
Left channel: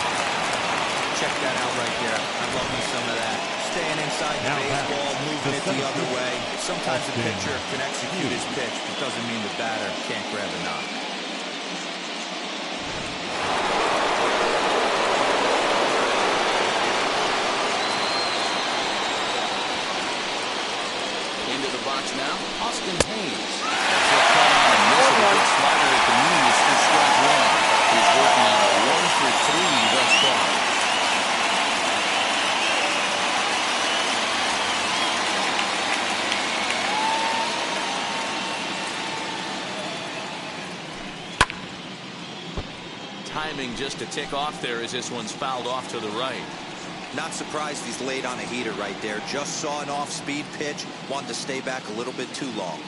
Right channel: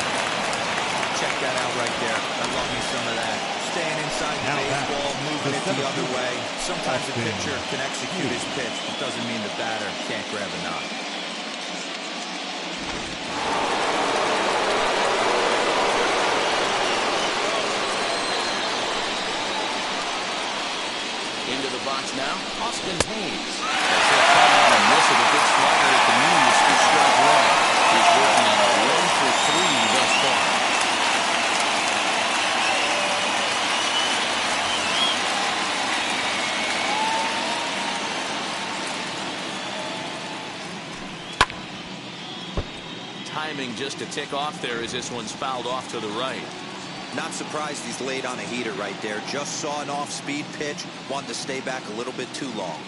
Check that out right there. I love me some of that. Staying inside the Now baseball, moving it the other way. Sometimes a Austin pitcher can execute his pitch, but doesn't mean the batter can't grab a knock. Into the box now, Austin Hayes. As he'll cut on and miss with a good slider at the knees for strike 1. He's working on a 1 for 3 thus far. Timing just a tick off there as this one's fouled off to the right. Not surprised he's laid on a heater right there. Just saw an off-speed pitch. Wanted to stay back a little bit too long.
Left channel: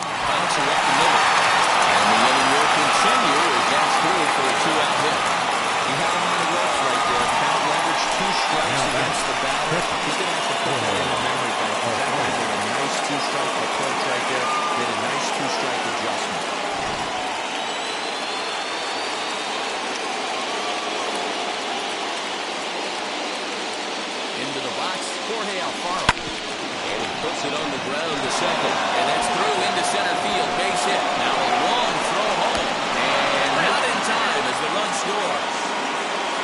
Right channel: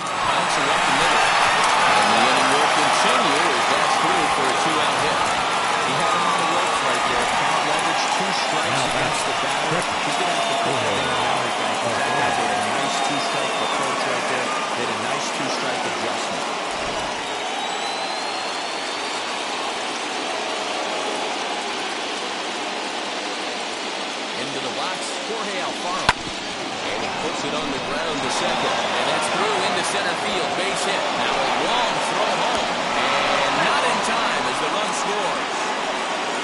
Bouncer up the middle. And the inning will continue as that's through for a 2-out hit. He had him on the ropes right there. Count leverage, 2 strikes Now against the batter. He's going to have to put that in a memory bank, because that guy made a nice 2-strike approach right there. Made a nice 2-strike adjustment. Into the box, Jorge Alfaro. And he puts it on the ground to second. And that's through into center field. Base hit. Now a long throw home. And not in time as the run scores.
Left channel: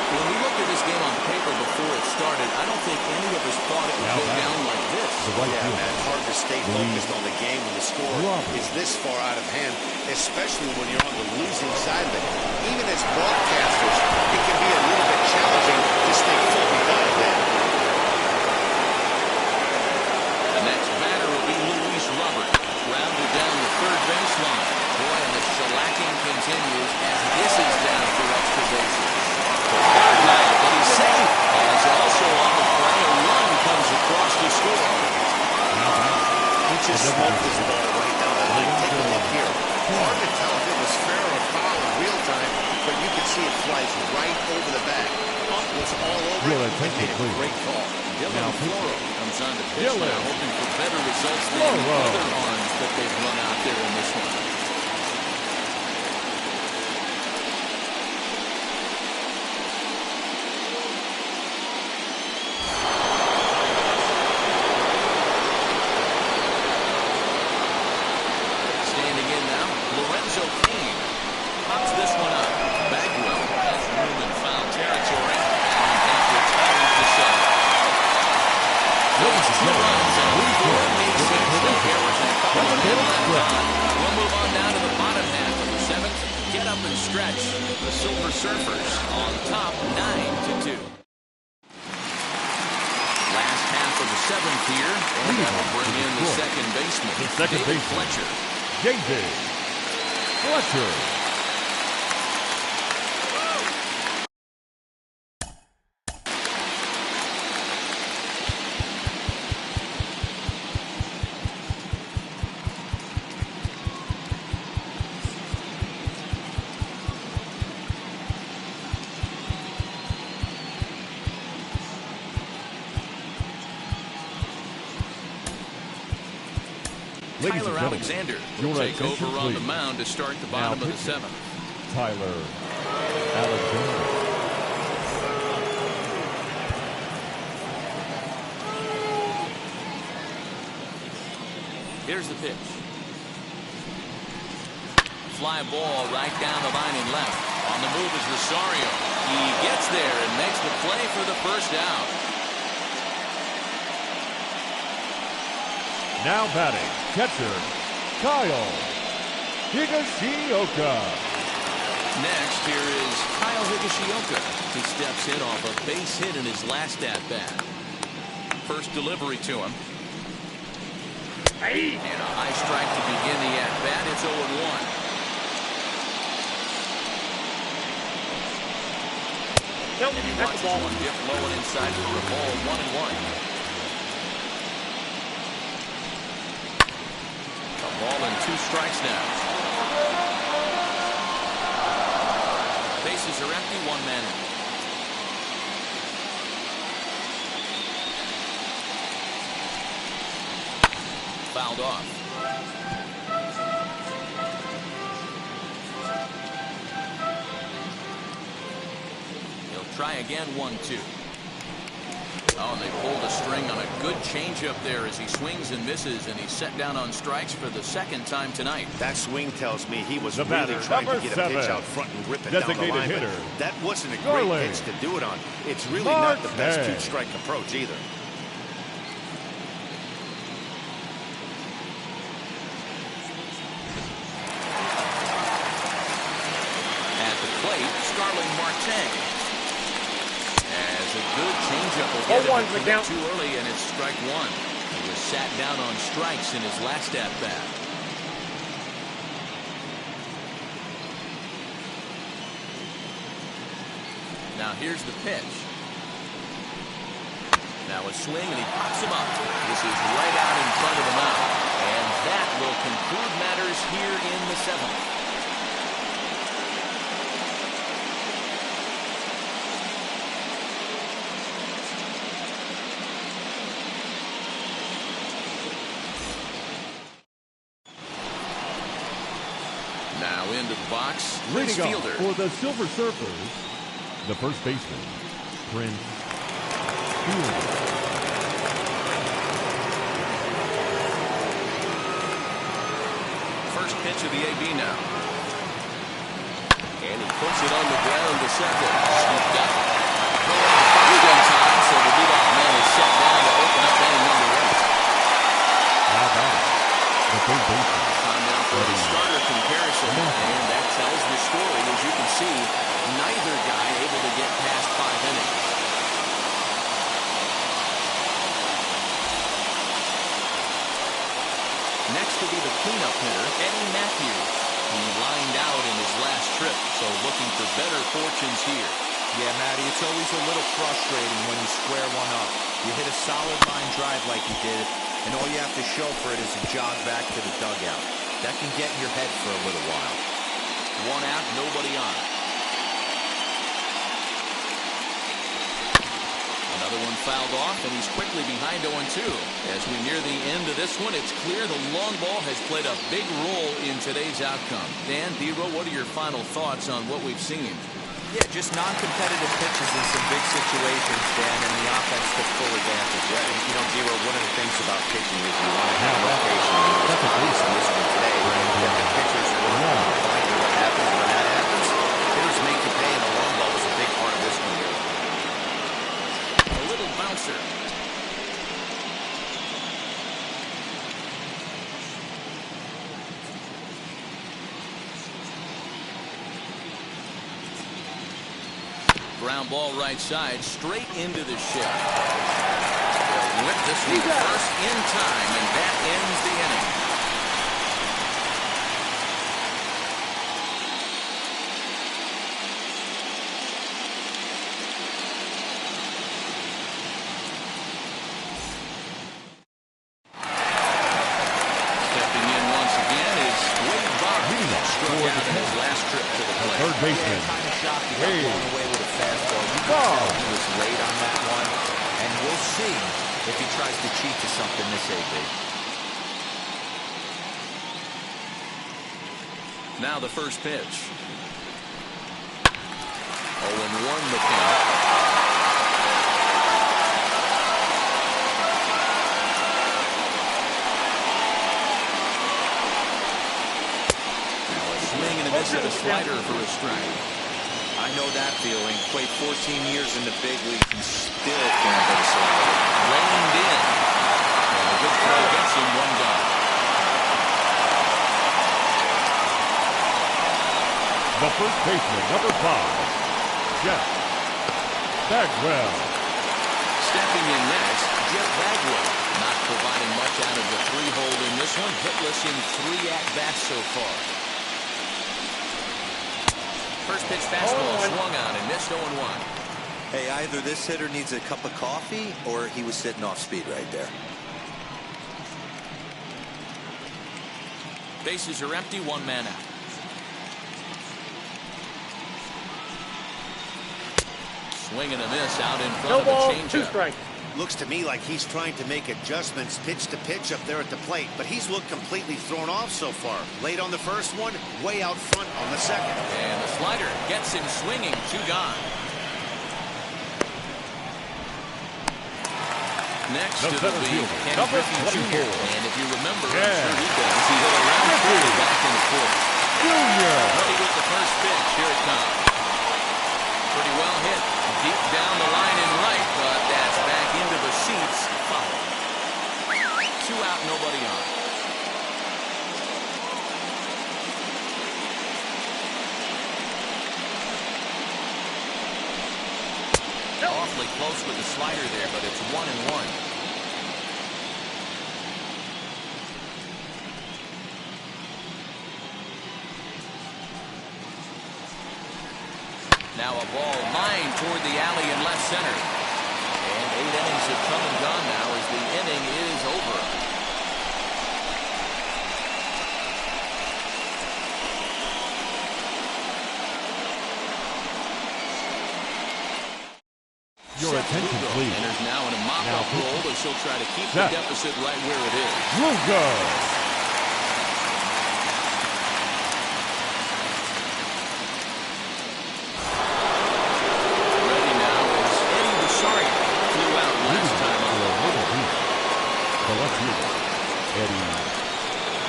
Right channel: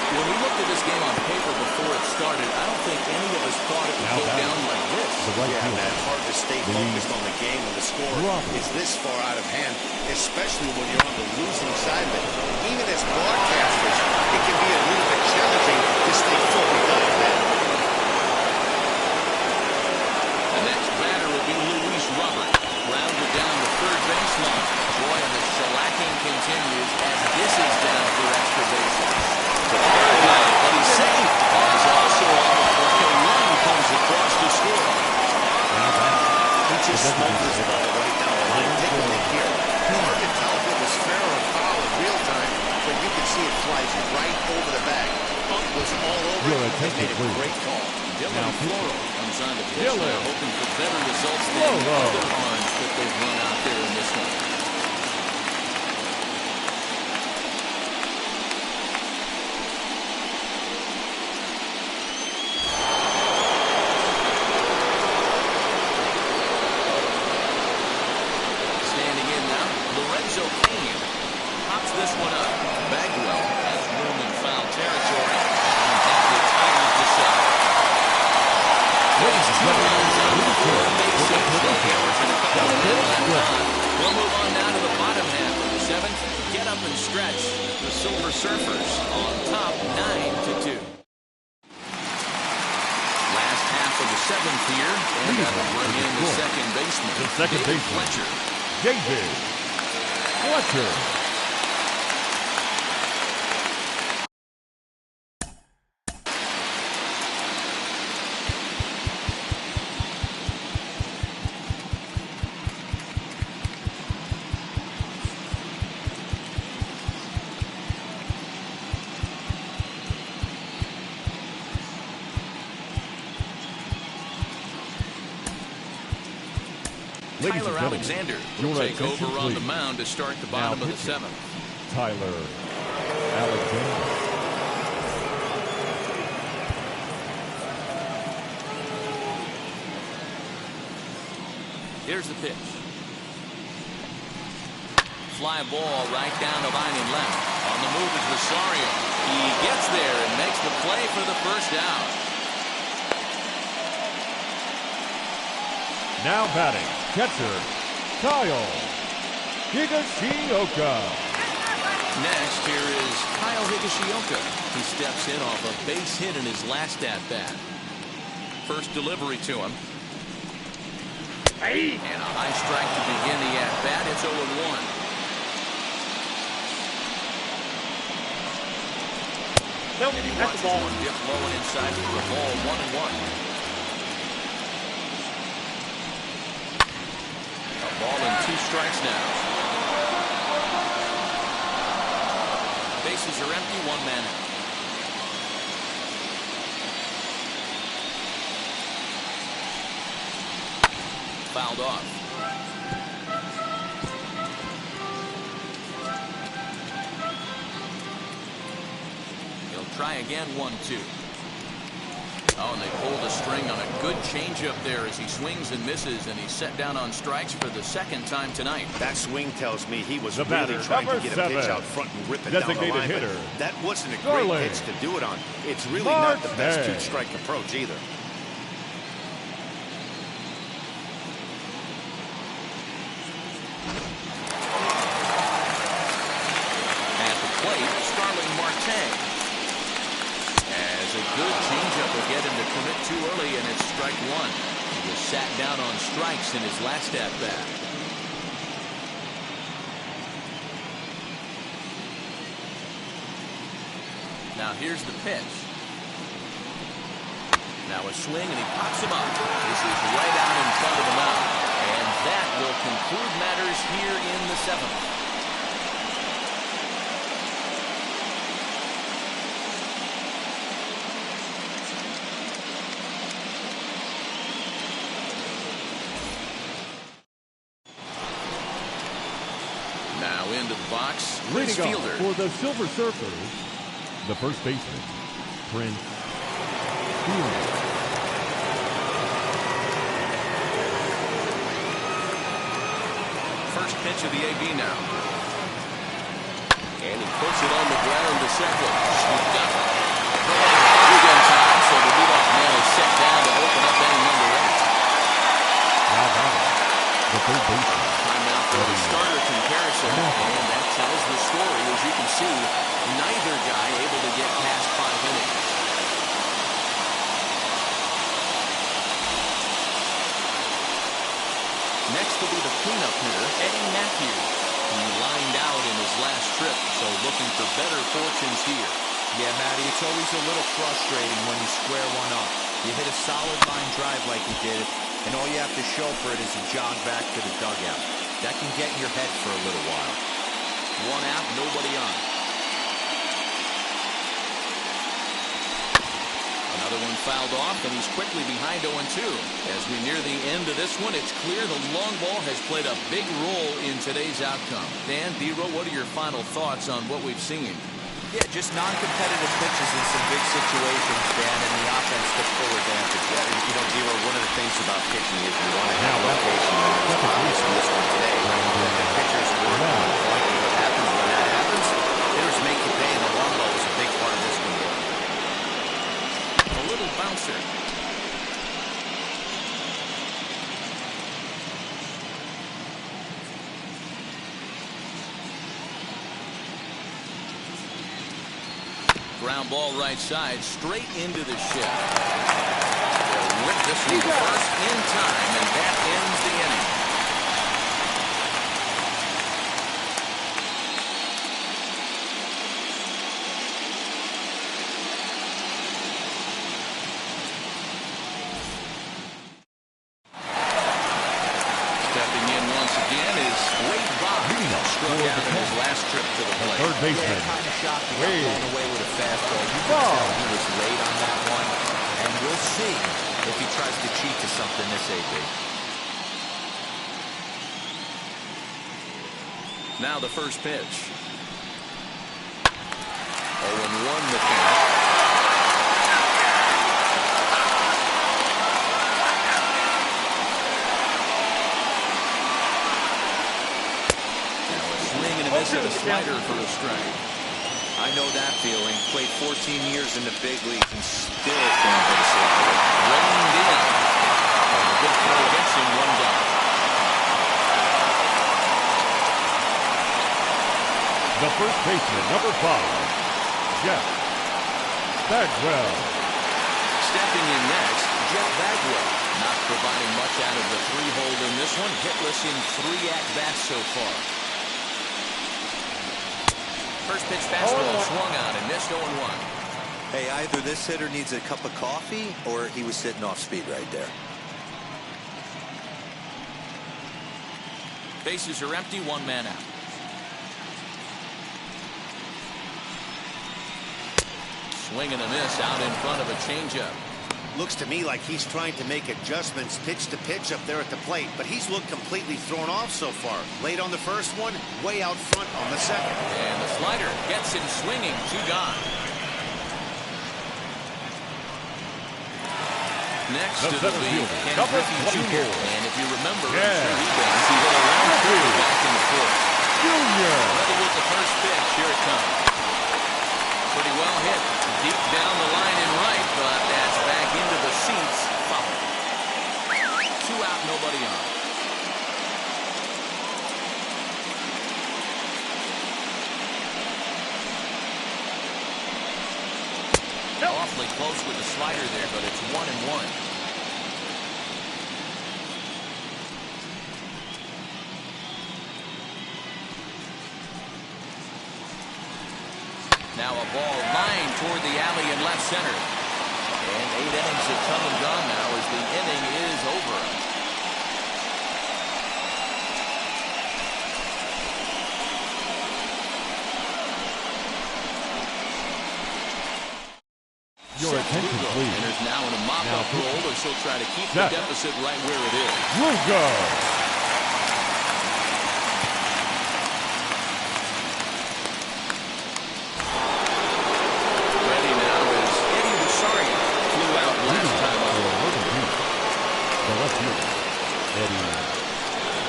When we looked at this game on paper before it started, I don't think any of us thought it would Now go down like this. Yeah, man, hard to stay focused on the game when the score is this far out of hand, especially when you're on the losing side of it. Even as broadcasters, it can be a little bit challenging to stay fully dialed in. The next batter will be Luis Robert. Grounded down the third baseline. Boy, and the shellacking continues as this is down for extra bases. Hard now, but he's safe. As also on the play, a run comes across to score. He just smoked this ball right down the line. Take a look here. Hard to tell if it was fair or foul in real time, but you can see it flies right over the bag. Ump was all over it and made a great call. Dylan Floro comes on to pitch now, hoping for better results than other arms that they've run out there in this one. Standing in now, Lorenzo Cain pops this one up. Bagwell has room in foul territory, and that retires the side. Those 2 runs on 4 base hits. No errors and a couple of men left on. We'll move on now to the bottom half of the 7th. Get up and stretch. The Silver Surfers on top 9-2. Last half of the 7th here, and that'll bring in the second baseman, David Fletcher. David Fletcher. Tyler Alexander will take over on the mound to start the bottom of the 7th. Tyler Alexander. Here's the pitch. Fly ball right down the line and left. On the move is Rosario. He gets there and makes the play for the first out. Now batting, catcher, Kyle Higashioka. Next, here is Kyle Higashioka. He steps in off a base hit in his last at-bat. First delivery to him. And a high strike to begin the at-bat. It's 0-1. Nope, And he that's watches the ball. one dip low and inside for a ball, 1-1. A ball and 2 strikes now. Bases are empty, 1 man out. Fouled off. He'll try again, 1-2. Oh, and they pulled a string on a good changeup there as he swings and misses, and he's set down on strikes for the 2nd time tonight. That swing tells me he was The really batter, trying to number get a pitch 7. out front and rip it down the Designated line. hitter, But that wasn't a Starling. great pitch to do it on. It's really not the best Marte. 2-strike approach either. At the plate, Starling Marte. As a good changeup will get him to commit too early, and it's strike 1. He was sat down on strikes in his last at-bat. Now here's the pitch. Now a swing, and he pops him up. This is right out in front of the mound. And that will conclude matters here in the 7th. Now into the box, Prince Leading off Fielder. for the Silver Surfers, the first baseman, Prince Fielder. First pitch of the AB now. And he puts it on the ground to second. Scooped up. Going to first in time, so the leadoff man is set down to open up inning number 8. Now batting, the third baseman. Time now for the starter comparison, and that tells the story. As you can see, neither guy able to get past 5 innings. Next will be the cleanup hitter, Eddie Matthews. He lined out in his last trip, so looking for better fortunes here. Yeah, Matty, it's always a little frustrating when you square one up. You hit a solid line drive like you did, and all you have to show for it is a jog back to the dugout. That can get in your head for a little while. 1 out, nobody on. Another one fouled off, and he's quickly behind 0-2. As we near the end of this one, it's clear the long ball has played a big role in today's outcome. Dan, D-Row, what are your final thoughts on what we've seen? Yeah, just non-competitive pitches in some big situations, Dan, and the offense took full advantage. Yeah, you know, D-Row, one of the things about pitching is you want to have location. And it was obvious in this one today that the pitchers were on point. And what happens when that happens? Hitters make you pay, and the long ball was a big part of this one here. A little bouncer. Ground ball right side, straight into the shift. They'll whip this one first in time, and that ends the inning. Stepping in once again is Wade Boggs. Struck out in his last trip to the plate. Third baseman, Yeah, kind of shocked he got Wade blown away with a fastball. You can tell he was late on that one, and we'll see if he tries to cheat to something this AB. Now the first pitch. 0-1 the count. Swing and a miss at a slider for a strike. I know that feeling. Played 14 years in the big leagues and still can't hit a slider. Reined in. And a good throw gets him 1 down. the first baseman, number 5, Jeff Bagwell. Stepping in next, Jeff Bagwell. Not providing much out of the 3-hole in this one. Hitless in 3 at-bats so far. First pitch fastball swung on and missed 0-1. Hey, either this hitter needs a cup of coffee or he was sitting off speed right there. Bases are empty, 1 man out. Swing and a miss out in front of a changeup. Looks to me like he's trying to make adjustments pitch to pitch up there at the plate, but he's looked completely thrown off so far. Late on the first one, way out front on the second. And the slider gets him swinging, 2 gone. Next The it'll be fielder, Ken number Griffey 24. Jr. And if you remember, I'm Yeah. sure he does, he hit a round Griffey. back in the 4th. Junior. Ready with the first pitch. Here it comes. Pretty well hit. Deep down the line in right, but that's back into the seats. Foul. 2 out, nobody on. Awfully close with the slider there, but it's 1-1. Now a ball lined toward the alley in left center. And 8 innings have come and gone now as the inning is over. Your attention, Lugo please. enters now in a mop-up Now, role as she'll try to keep set. the deficit right where it is. Lugo. Ready now is Eddie Rosario. Flew out last time up. The left fielder, Eddie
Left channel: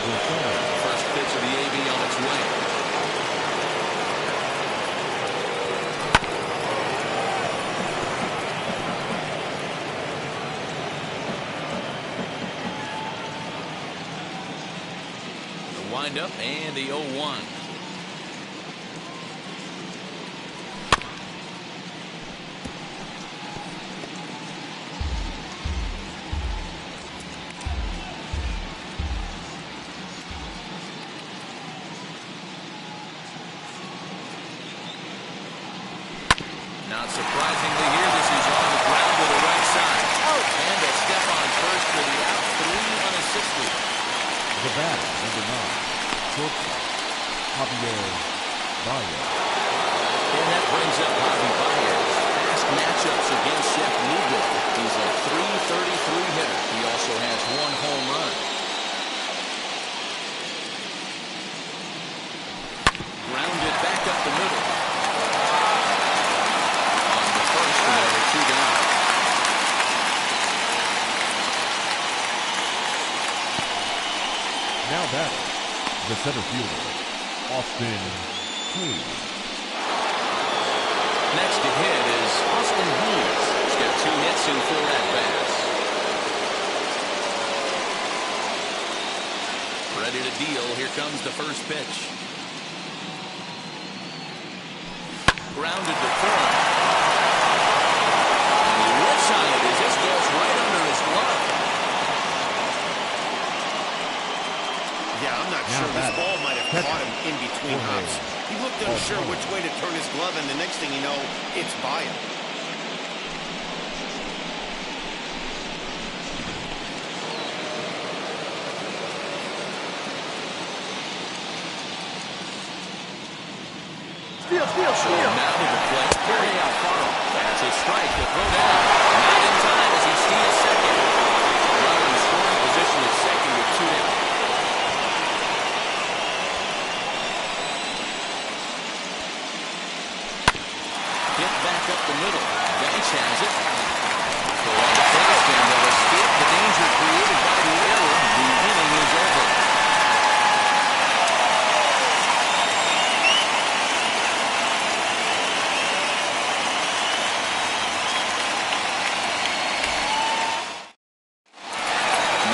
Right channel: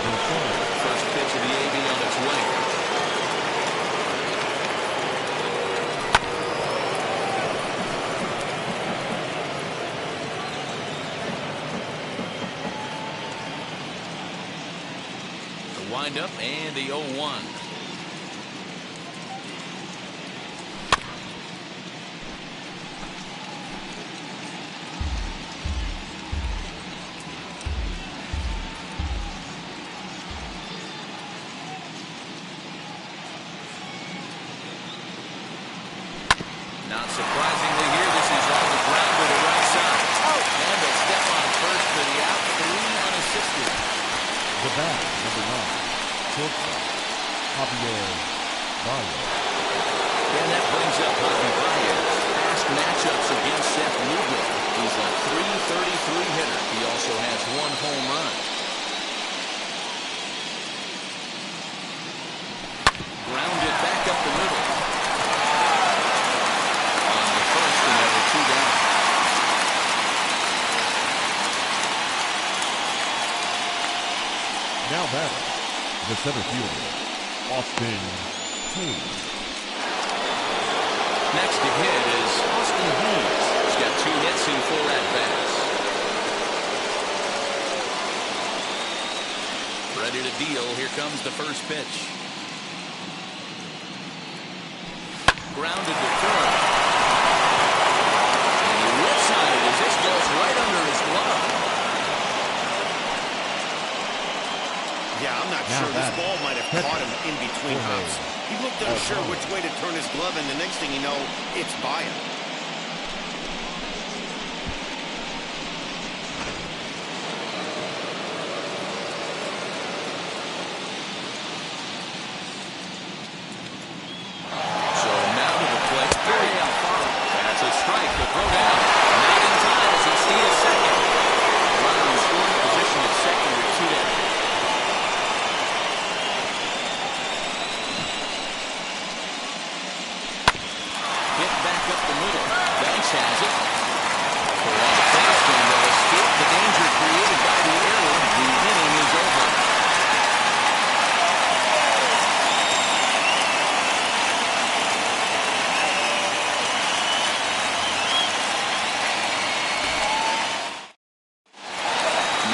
Rosario. First pitch of the AB on its way. Windup and the 0-1. Not surprisingly here, this is on the ground to the right side. And a step on first for the out, 3 unassisted. The batter, number 9, shortstop, Javier Baez. And that brings up Javi Baez. Past matchups against Seth Lugo. He's a .333 hitter. He also has 1 home run. Grounded back up the middle. On the first, and there were 2 down. Now batting, the center fielder, Austin Hayes. Next to hit is Austin Hayes. He's got 2 hits in 4 at-bats. Ready to deal. Here comes the first pitch. Grounded to third. And he whiffs on it as this goes right under his glove. Yeah, I'm not Now sure. This batting. ball might have caught him in between hops. He looked unsure which way to turn his glove, and the next thing you know, it's by him. So now to the plate, Jorge Alfaro. That's a strike to throw down. Not in time as he steals second. Runner in scoring position at second with 2 down. Hit back up the middle. Banks has it. So on the first, and they'll escape the danger created by the error. The inning is over.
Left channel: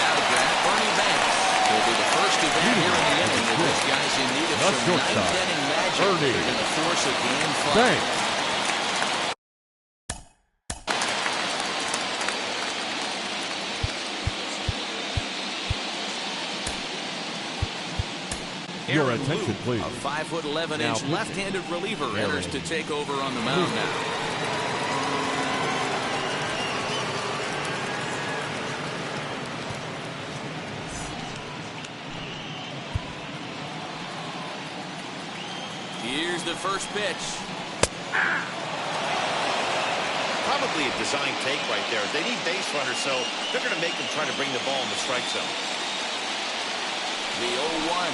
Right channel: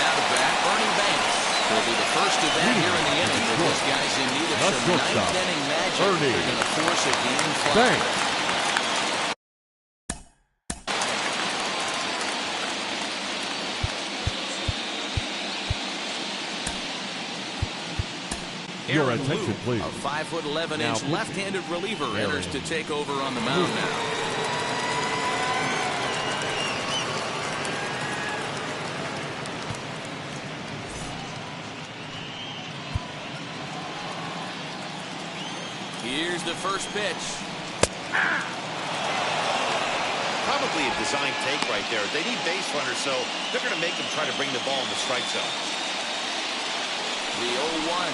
Now to bat, Ernie Banks. Will be the first of that here in the inning. This guy's in need of the some shortstop, ninth-inning magic. Ernie. They're going to force a game fly. Banks. Your Aaron attention, Lou, please. a 5'11" Now, left-handed reliever, enters to Aaron take over on the mound now. Here's the first pitch. Probably a design take right there. They need base runners, so they're going to make them try to bring the ball in the strike zone. The 0-1.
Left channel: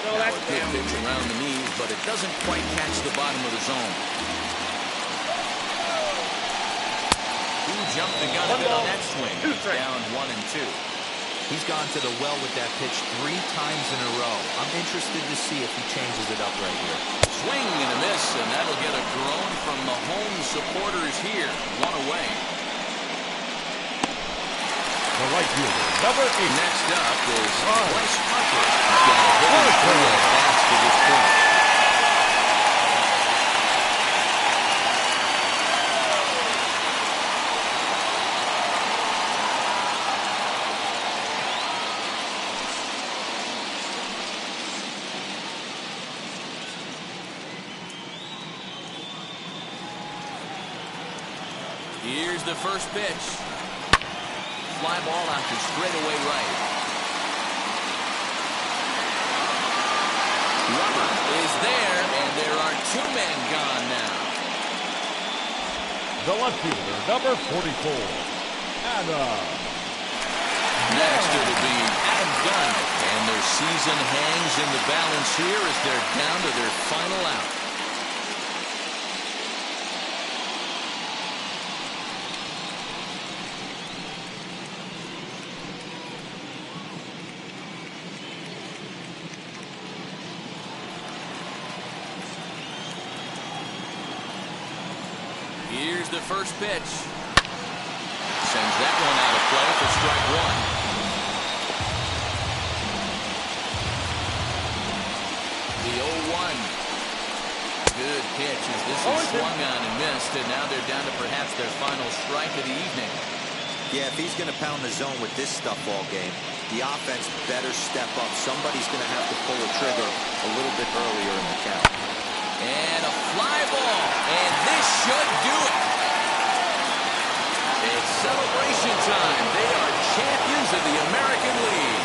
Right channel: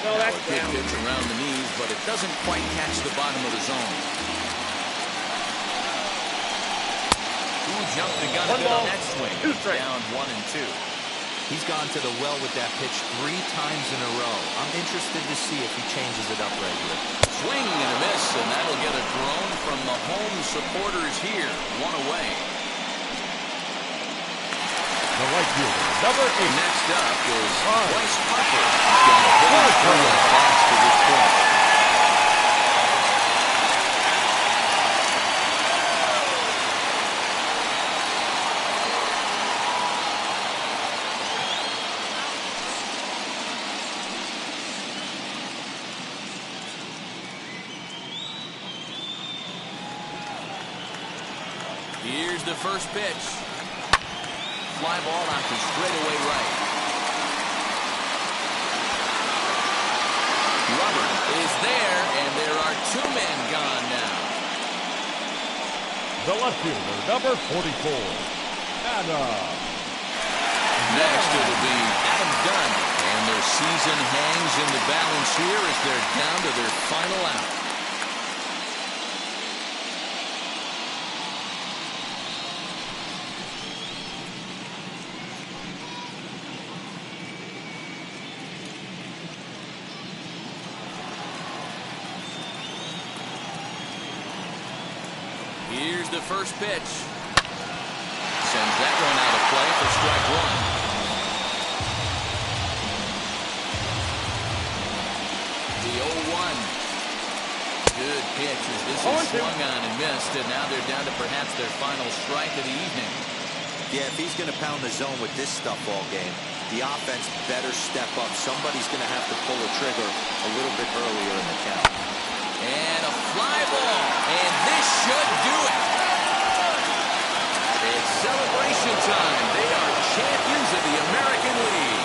No, Now that's a good down. pitch around the knees, but it doesn't quite catch the bottom of the zone. Who jumped the gun a One bit ball, on that swing? two It's strikes. down 1-2. He's gone to the well with that pitch 3 times in a row. I'm interested to see if he changes it up right here. Swing and a miss, and that'll get a groan from the home supporters here. 1 away. The right fielder, number 8. Next up is Right. Bryce Harper. He's got a hitting three at-bats to this point. Here's the first pitch. Fly ball out to straightaway right. Robert is there, and there are 2 men gone now. The left fielder, number 44. Adam. Next, it'll be Adam Dunn, and their season hangs in the balance here as they're down to their final out. Here's the first pitch. Sends that one out of play for strike 1. The 0-1. Good pitch as this is swung on and missed, and now they're down to perhaps their final strike of the evening. Yeah, if he's going to pound the zone with this stuff all game, the offense better step up. Somebody's going to have to pull a trigger a little bit earlier in the count. And a fly ball, and this should do it. It's celebration time. They are champions of the American League.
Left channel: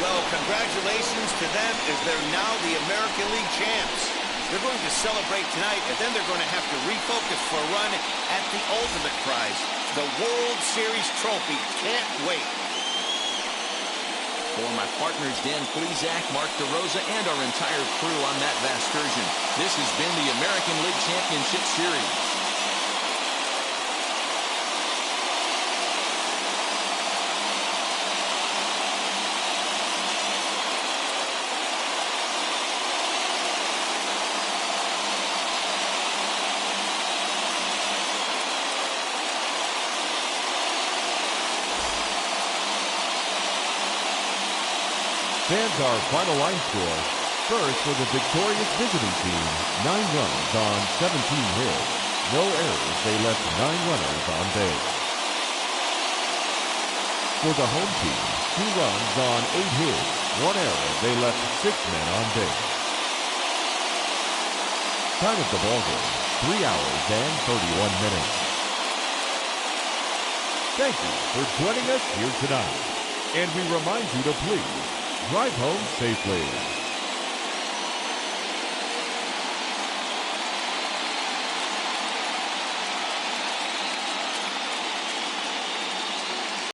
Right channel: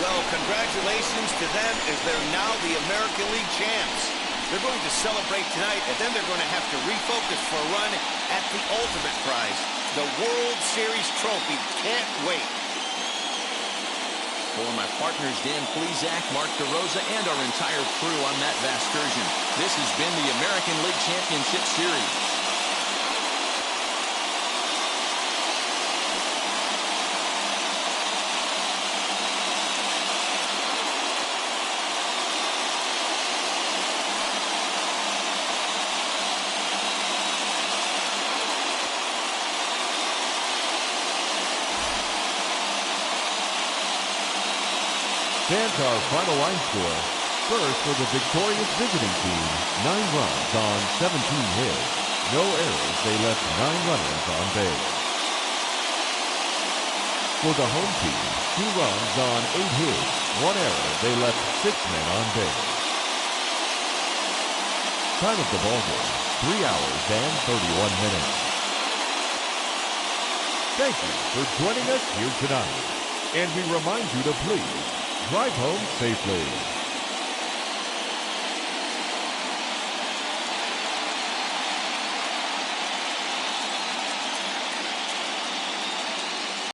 Well, congratulations to them as they're now the American League champs. They're going to celebrate tonight, and then they're going to have to refocus for a run at the ultimate prize, the World Series trophy. Can't wait. For my partners, Dan Plesac, Mark DeRosa, and our entire crew, I'm Matt Vasgersian. This has been the American League Championship Series. Stands our final line score. First for the victorious visiting team, 9 runs on 17 hits. No errors, they left 9 runners on base. For the home team, 2 runs on 8 hits. 1 error, they left 6 men on base. Time of the ballgame, 3 hours and 31 minutes. Thank you for joining us here tonight. And we remind you to please drive home safely.